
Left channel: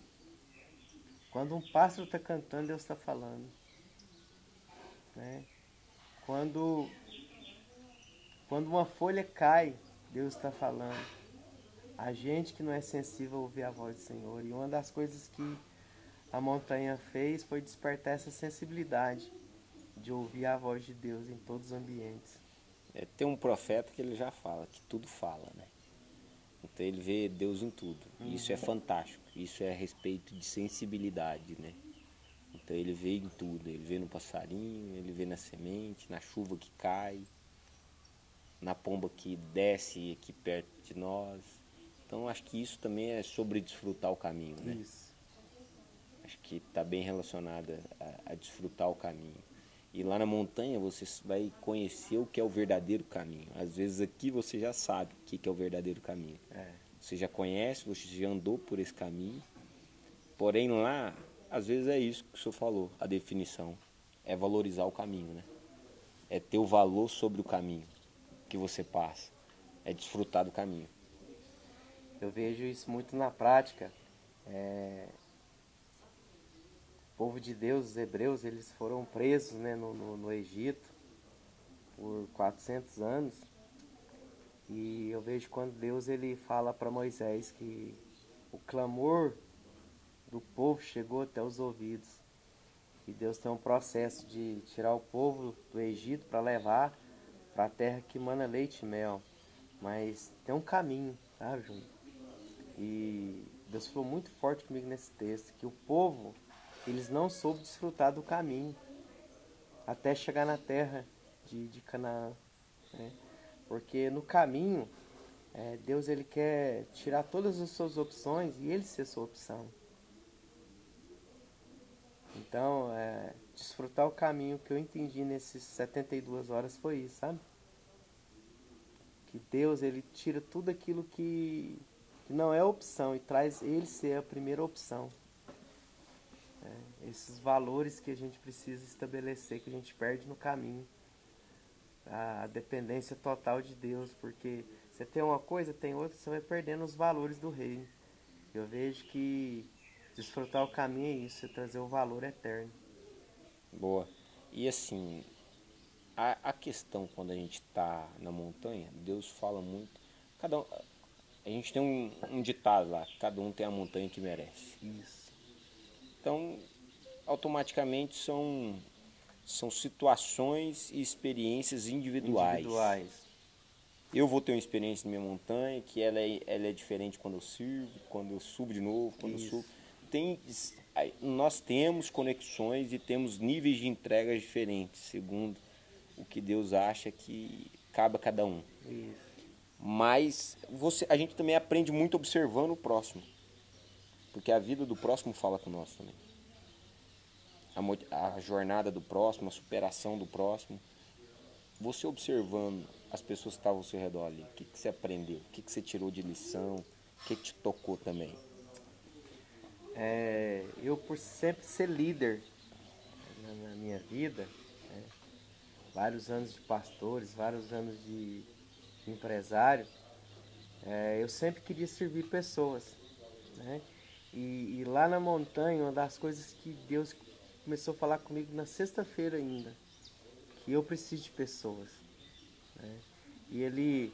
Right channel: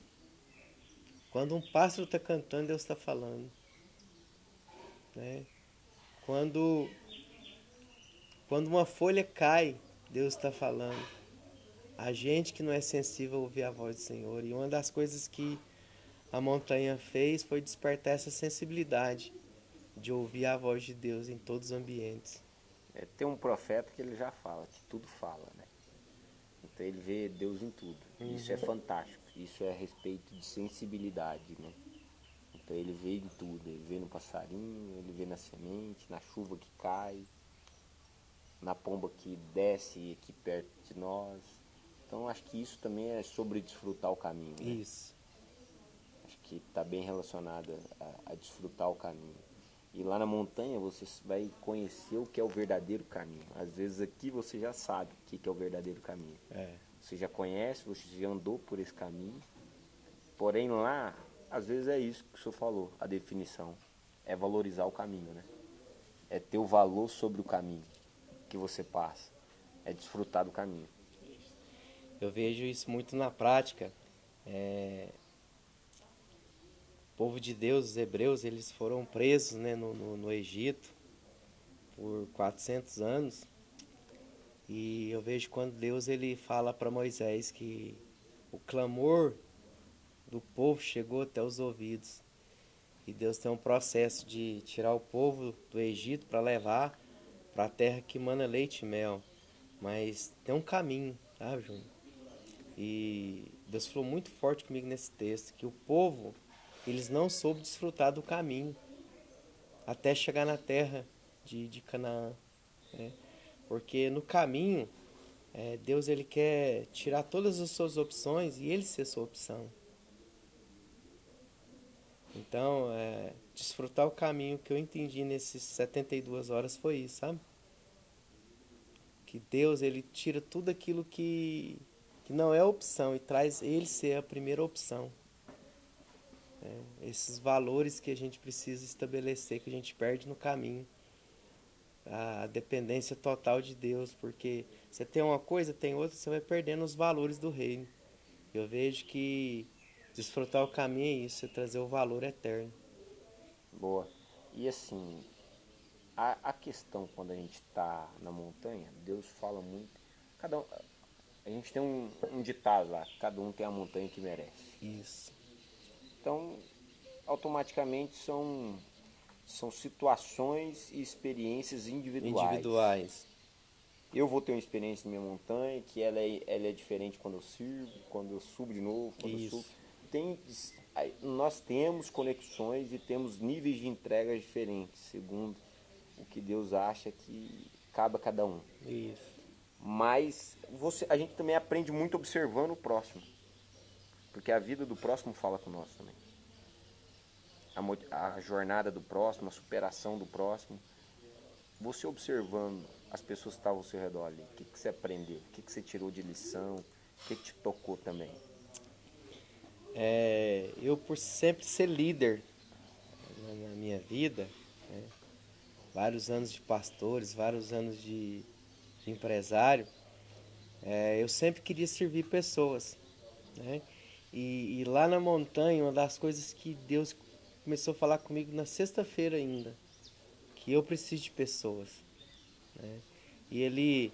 Quando um pássaro está cantando, Deus está falando. Né? Quando uma folha cai, Deus está falando. A gente que não é sensível a ouvir a voz do Senhor. E uma das coisas que a montanha fez foi despertar essa sensibilidade de ouvir a voz de Deus em todos os ambientes. Tem um profeta que ele já fala, que tudo fala, né? Então ele vê Deus em tudo. Isso é fantástico. Isso é a respeito de sensibilidade, né? Então ele vê em tudo. Ele vê no passarinho, ele vê na semente, na chuva que cai, na pomba que desce aqui perto de nós. Então acho que isso também é sobre desfrutar o caminho, né? Isso. Acho que está bem relacionado a desfrutar o caminho. E lá na montanha você vai conhecer o que é o verdadeiro caminho. Às vezes aqui você já sabe o que é o verdadeiro caminho. Você já conhece, você já andou por esse caminho. Porém lá, às vezes é isso que o senhor falou, a definição. É valorizar o caminho, né? É ter o valor sobre o caminho que você passa. É desfrutar do caminho. Eu vejo isso muito na prática. O povo de Deus, os hebreus, eles foram presos, né, no Egito por 400 anos. E eu vejo quando Deus ele fala para Moisés que o clamor do povo chegou até os ouvidos. E Deus tem um processo de tirar o povo do Egito para levar para a terra que mana leite e mel. Mas tem um caminho, sabe, Júnior? E Deus falou muito forte comigo nesse texto, que o povo, eles não soube desfrutar do caminho até chegar na terra de Canaã, né? Porque no caminho, Deus ele quer tirar todas as suas opções e ele ser sua opção. Então, desfrutar o caminho que eu entendi nesses 72 horas foi isso, sabe? Que Deus ele tira tudo aquilo que não é opção e traz ele ser a primeira opção. Esses valores que a gente precisa estabelecer, que a gente perde no caminho. A dependência total de Deus, porque você tem uma coisa, tem outra, você vai perdendo os valores do reino. Eu vejo que desfrutar o caminho é isso, é trazer o valor eterno. Boa. E assim, a questão quando a gente está na montanha, Deus fala muito. A gente tem um ditado lá, cada um tem a montanha que merece. Isso. Então, automaticamente são situações e experiências individuais. Eu vou ter uma experiência na minha montanha, que ela é diferente quando eu sirvo, quando eu subo de novo, quando eu subo. Nós temos conexões e temos níveis de entregas diferentes, segundo o que Deus acha que cabe a cada um. Isso. Mas a gente também aprende muito observando o próximo, porque a vida do próximo fala com nós também. A jornada do próximo, a superação do próximo. Você observando as pessoas que estavam ao seu redor ali, o que você aprendeu? O que você tirou de lição? O que te tocou também? Eu, por sempre ser líder na minha vida, né, vários anos de pastores, vários anos de empresário, eu sempre queria servir pessoas, né? E lá na montanha, uma das coisas que Deus começou a falar comigo na sexta-feira ainda, que eu preciso de pessoas, né? E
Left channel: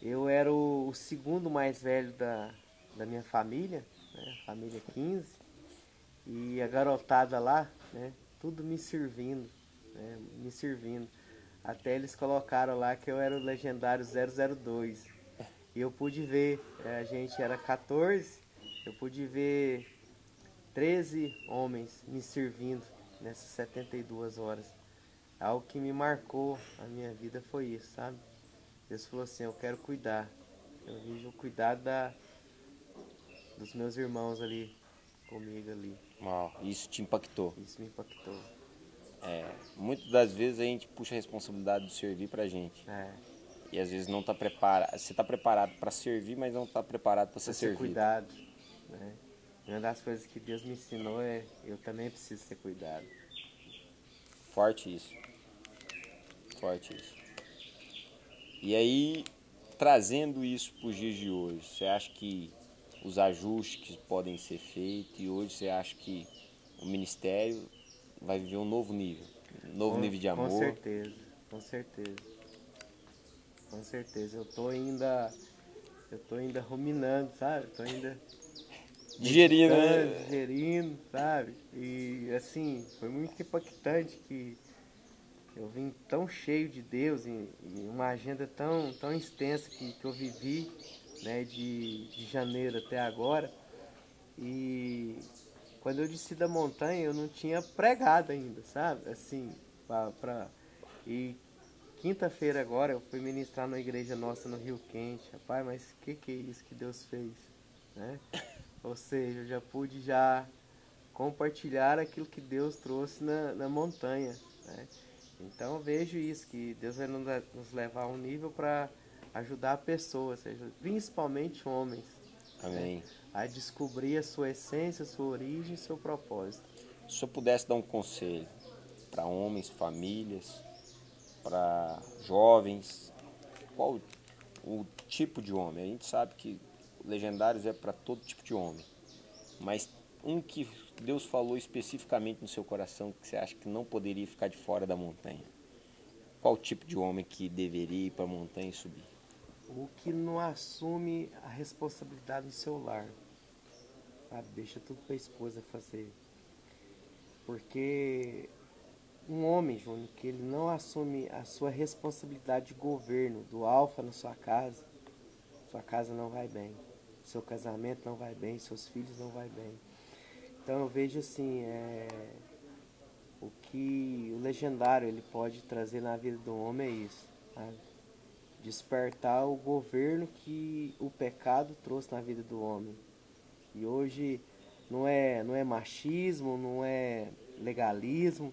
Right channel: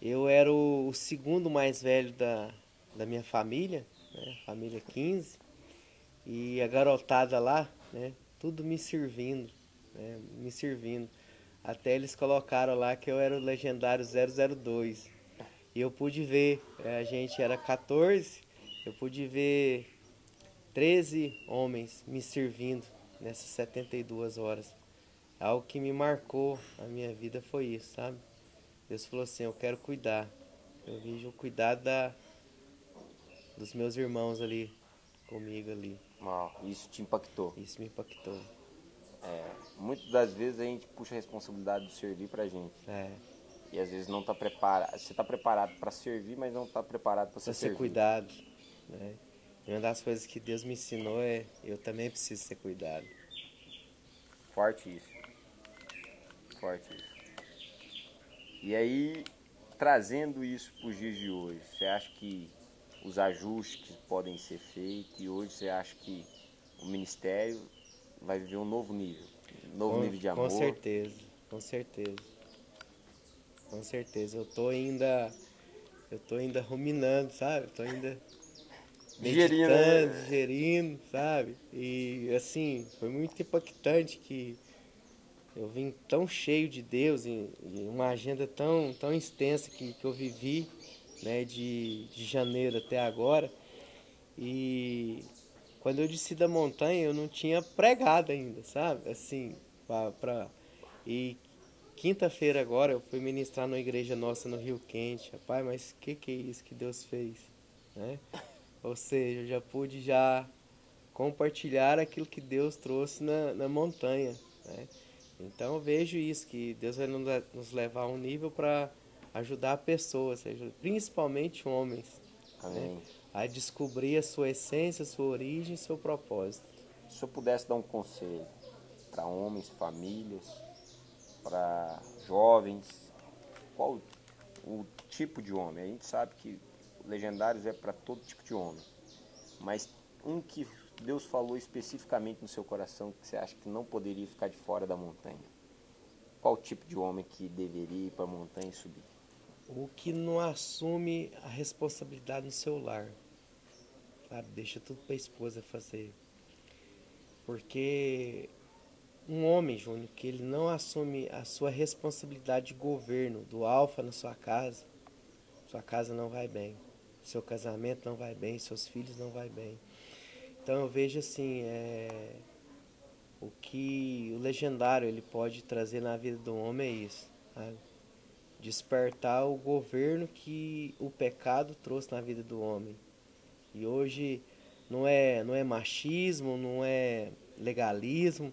eu era o segundo mais velho da minha família, né? Família 15, e a garotada lá, né? Tudo me servindo, né? Me servindo. Até eles colocaram lá que eu era o legendário 002. E eu pude ver, a gente era 14, eu pude ver 13 homens me servindo nessas 72 horas. algo que me marcou a minha vida foi isso, sabe? Deus falou assim, eu quero cuidar. Eu vejo o cuidado dos meus irmãos ali, comigo ali. Uau, isso te impactou. Isso me impactou. Muitas das vezes a gente puxa a responsabilidade de servir pra gente. É, E às vezes não tá preparado. Você tá preparado para servir, mas não tá preparado para ser pra ser servido. cuidado, né? E uma das coisas que Deus me ensinou é, eu também preciso ser cuidado. Forte isso. Forte isso. E aí, trazendo isso para os dias de hoje, você acha que os ajustes que podem ser feitos, e hoje você acha que o ministério vai viver um novo nível? Um novo nível de amor? Com certeza, com certeza. Com certeza. Eu tô ainda ruminando, sabe? Eu tô ainda Digerindo, meditando, digerindo, sabe? E assim, foi muito impactante que eu vim tão cheio de Deus em uma agenda tão extensa que eu vivi, né, de janeiro até agora. E quando eu desci da montanha, eu não tinha pregado ainda, sabe? Assim, e quinta-feira agora eu fui ministrar numa igreja nossa no Rio Quente. Rapaz, mas que é isso que Deus fez, né? Ou seja, eu já pude compartilhar aquilo que Deus trouxe na montanha, né? Então eu vejo isso, que Deus vai nos levar a um nível para ajudar pessoas, seja, principalmente homens, Amém. né, a descobrir a sua essência, a sua origem e seu propósito. Se eu pudesse dar um conselho para homens, famílias, para jovens, qual o tipo de homem? A gente sabe que Legendários é para todo tipo de homem, mas um que Deus falou especificamente no seu coração que você acha que não poderia ficar de fora da montanha. Qual tipo de homem que deveria ir para a montanha e subir? O que não assume a responsabilidade no seu lar, sabe? Deixa tudo para a esposa fazer. Porque um homem, Júnior, que ele não assume a sua responsabilidade de governo, do alfa na sua casa não vai bem. Seu casamento não vai bem, seus filhos não vai bem. Então eu vejo assim, o que o legendário ele pode trazer na vida do homem é isso, sabe? Despertar o governo que o pecado trouxe na vida do homem. E hoje não é machismo, não é legalismo,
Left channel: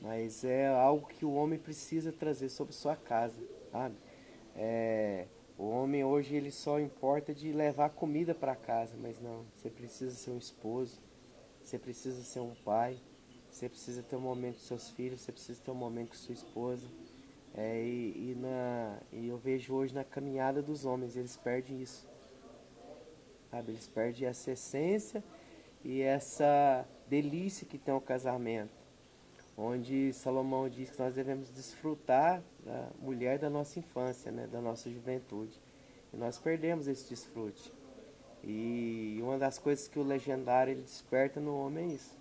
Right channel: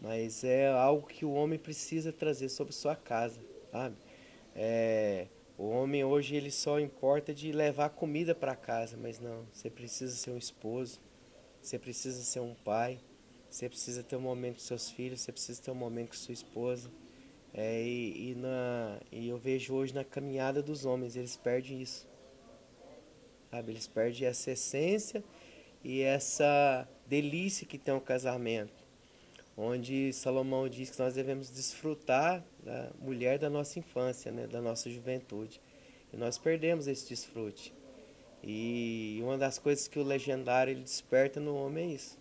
mas é algo que o homem precisa trazer sobre sua casa, sabe? O homem hoje ele só importa de levar comida para casa, mas não, você precisa ser um esposo, você precisa ser um pai, você precisa ter um momento com seus filhos, você precisa ter um momento com sua esposa. E eu vejo hoje na caminhada dos homens, eles perdem isso, sabe? Eles perdem essa essência e essa delícia que tem o casamento, onde Salomão diz que nós devemos desfrutar da mulher da nossa infância, né? Da nossa juventude. E nós perdemos esse desfrute. E uma das coisas que o legendário ele desperta no homem é isso.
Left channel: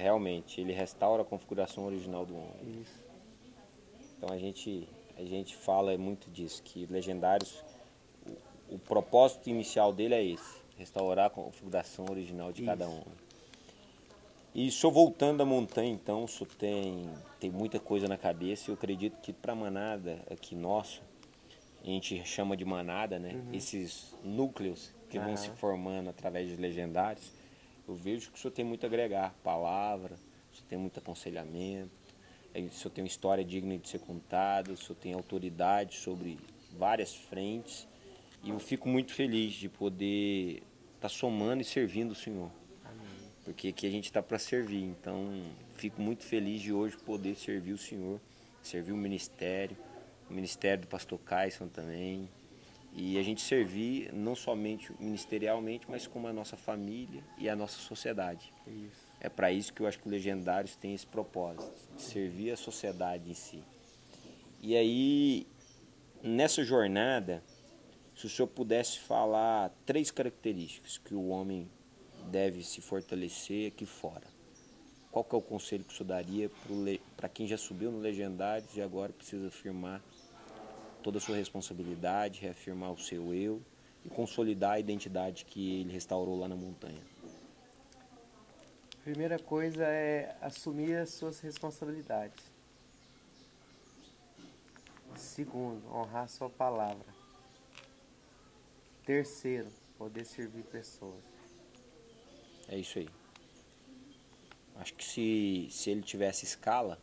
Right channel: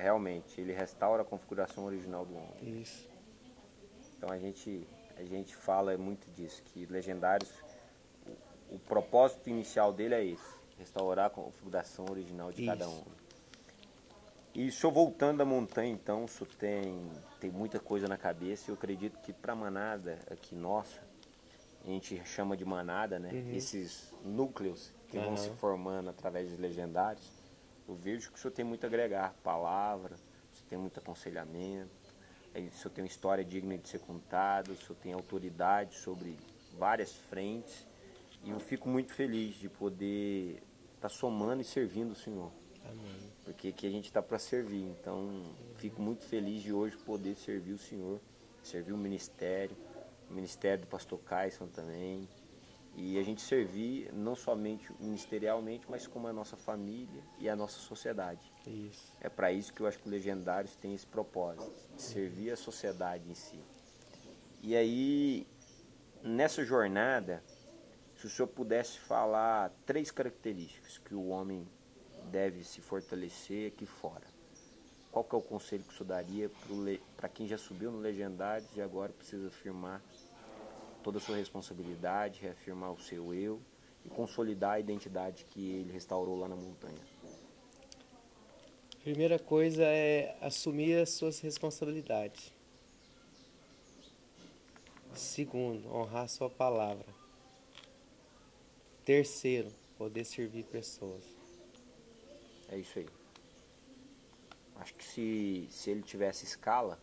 Realmente, ele restaura a configuração original do homem. Isso. Então a gente fala muito disso, que Legendários, o propósito inicial dele é esse, restaurar a configuração original de cada homem. E só voltando à montanha, então, só tem muita coisa na cabeça, e eu acredito que para a manada aqui nossa, a gente chama de manada, né? Esses núcleos que vão se formando através de Legendários, eu vejo que o senhor tem muito a agregar, palavra, o senhor tem muito aconselhamento, o senhor tem uma história digna de ser contada, o senhor tem autoridade sobre várias frentes, e eu fico muito feliz de poder estar somando e servindo o senhor. Amém. Porque aqui a gente está para servir, então fico muito feliz de hoje poder servir o senhor, servir o ministério do pastor Caisson também, e a gente servir não somente ministerialmente, mas como a nossa família e a nossa sociedade. Isso. É para isso que eu acho que o Legendários tem esse propósito, de servir a sociedade em si. E aí, nessa jornada, se o senhor pudesse falar 3 características que o homem deve se fortalecer aqui fora, qual que é o conselho que o senhor daria para quem já subiu no Legendários e agora precisa afirmar toda a sua responsabilidade, reafirmar o seu eu e consolidar a identidade que ele restaurou lá na montanha? Primeira coisa é assumir as suas responsabilidades. Segundo, honrar a sua palavra. Terceiro, poder servir pessoas. É isso aí. Acho que se ele tivesse escala,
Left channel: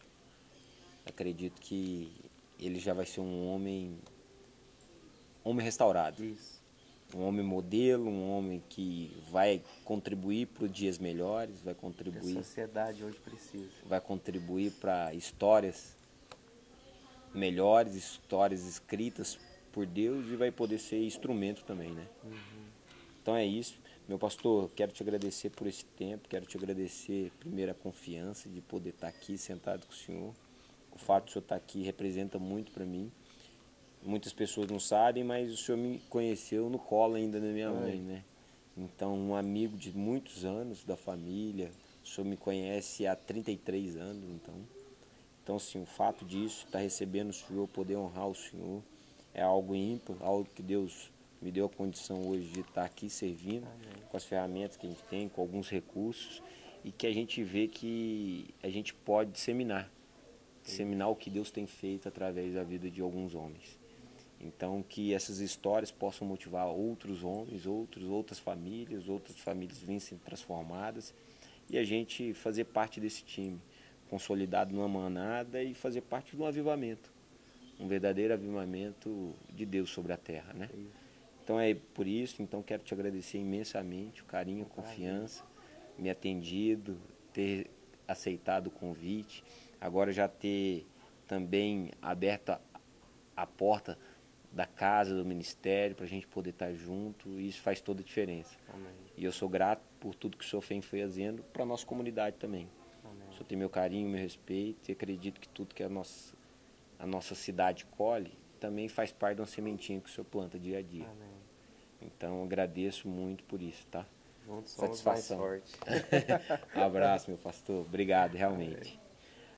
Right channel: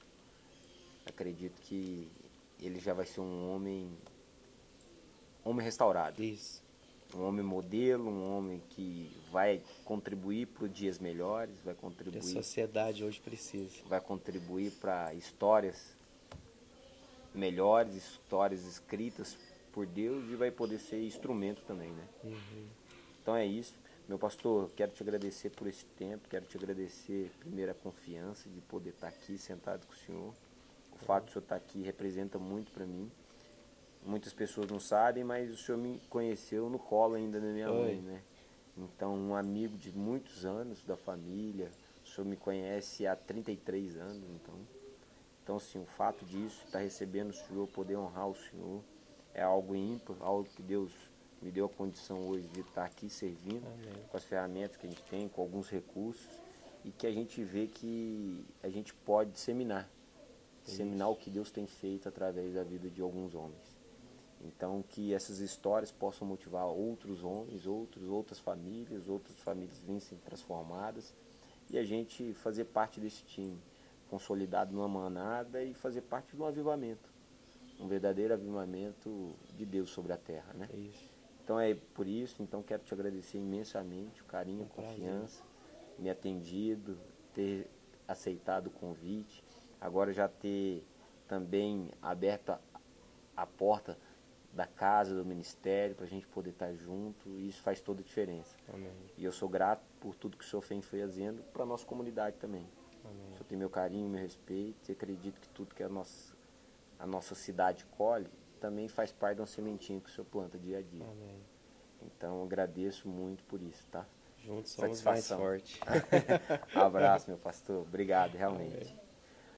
acredito que ele já vai ser um homem restaurado. Isso. Um homem modelo, um homem que vai contribuir para os dias melhores, vai Que a contribuir, sociedade hoje precisa. vai contribuir para histórias melhores, histórias escritas por Deus e vai poder ser instrumento também, né? Então é isso. Meu pastor, quero te agradecer por esse tempo, quero te agradecer primeiro a confiança de poder estar aqui sentado com o senhor. O fato de o senhor estar aqui representa muito para mim. Muitas pessoas não sabem, mas o senhor me conheceu no colo ainda da minha mãe, né? Então, um amigo de muitos anos da família, o senhor me conhece há 33 anos, então assim, o fato disso, estar recebendo o senhor, poder honrar o senhor, é algo ímpar, algo que Deus me deu a condição hoje de estar aqui servindo, com as ferramentas que a gente tem, com alguns recursos, e que a gente vê que a gente pode disseminar o que Deus tem feito através da vida de alguns homens. Então, que essas histórias possam motivar outros homens, outras famílias virem sendo transformadas e a gente fazer parte desse time, consolidado numa manada e fazer parte de um avivamento, um verdadeiro avivamento de Deus sobre a terra, né? Então é por isso, então quero te agradecer imensamente o carinho, a confiança, me atendido, ter aceitado o convite, agora já ter também aberto a porta da casa, do ministério, para a gente poder estar junto, e isso faz toda a diferença. Amém. E eu sou grato por tudo que o senhor foi fazendo para a nossa comunidade também. Amém. O senhor tem meu carinho, meu respeito, e acredito que tudo que a nossa cidade colhe também faz parte de uma sementinha que o senhor planta dia a dia. Amém. Então eu agradeço muito por isso, tá? Juntos somos mais fortes. Abraço, meu pastor. Obrigado, realmente.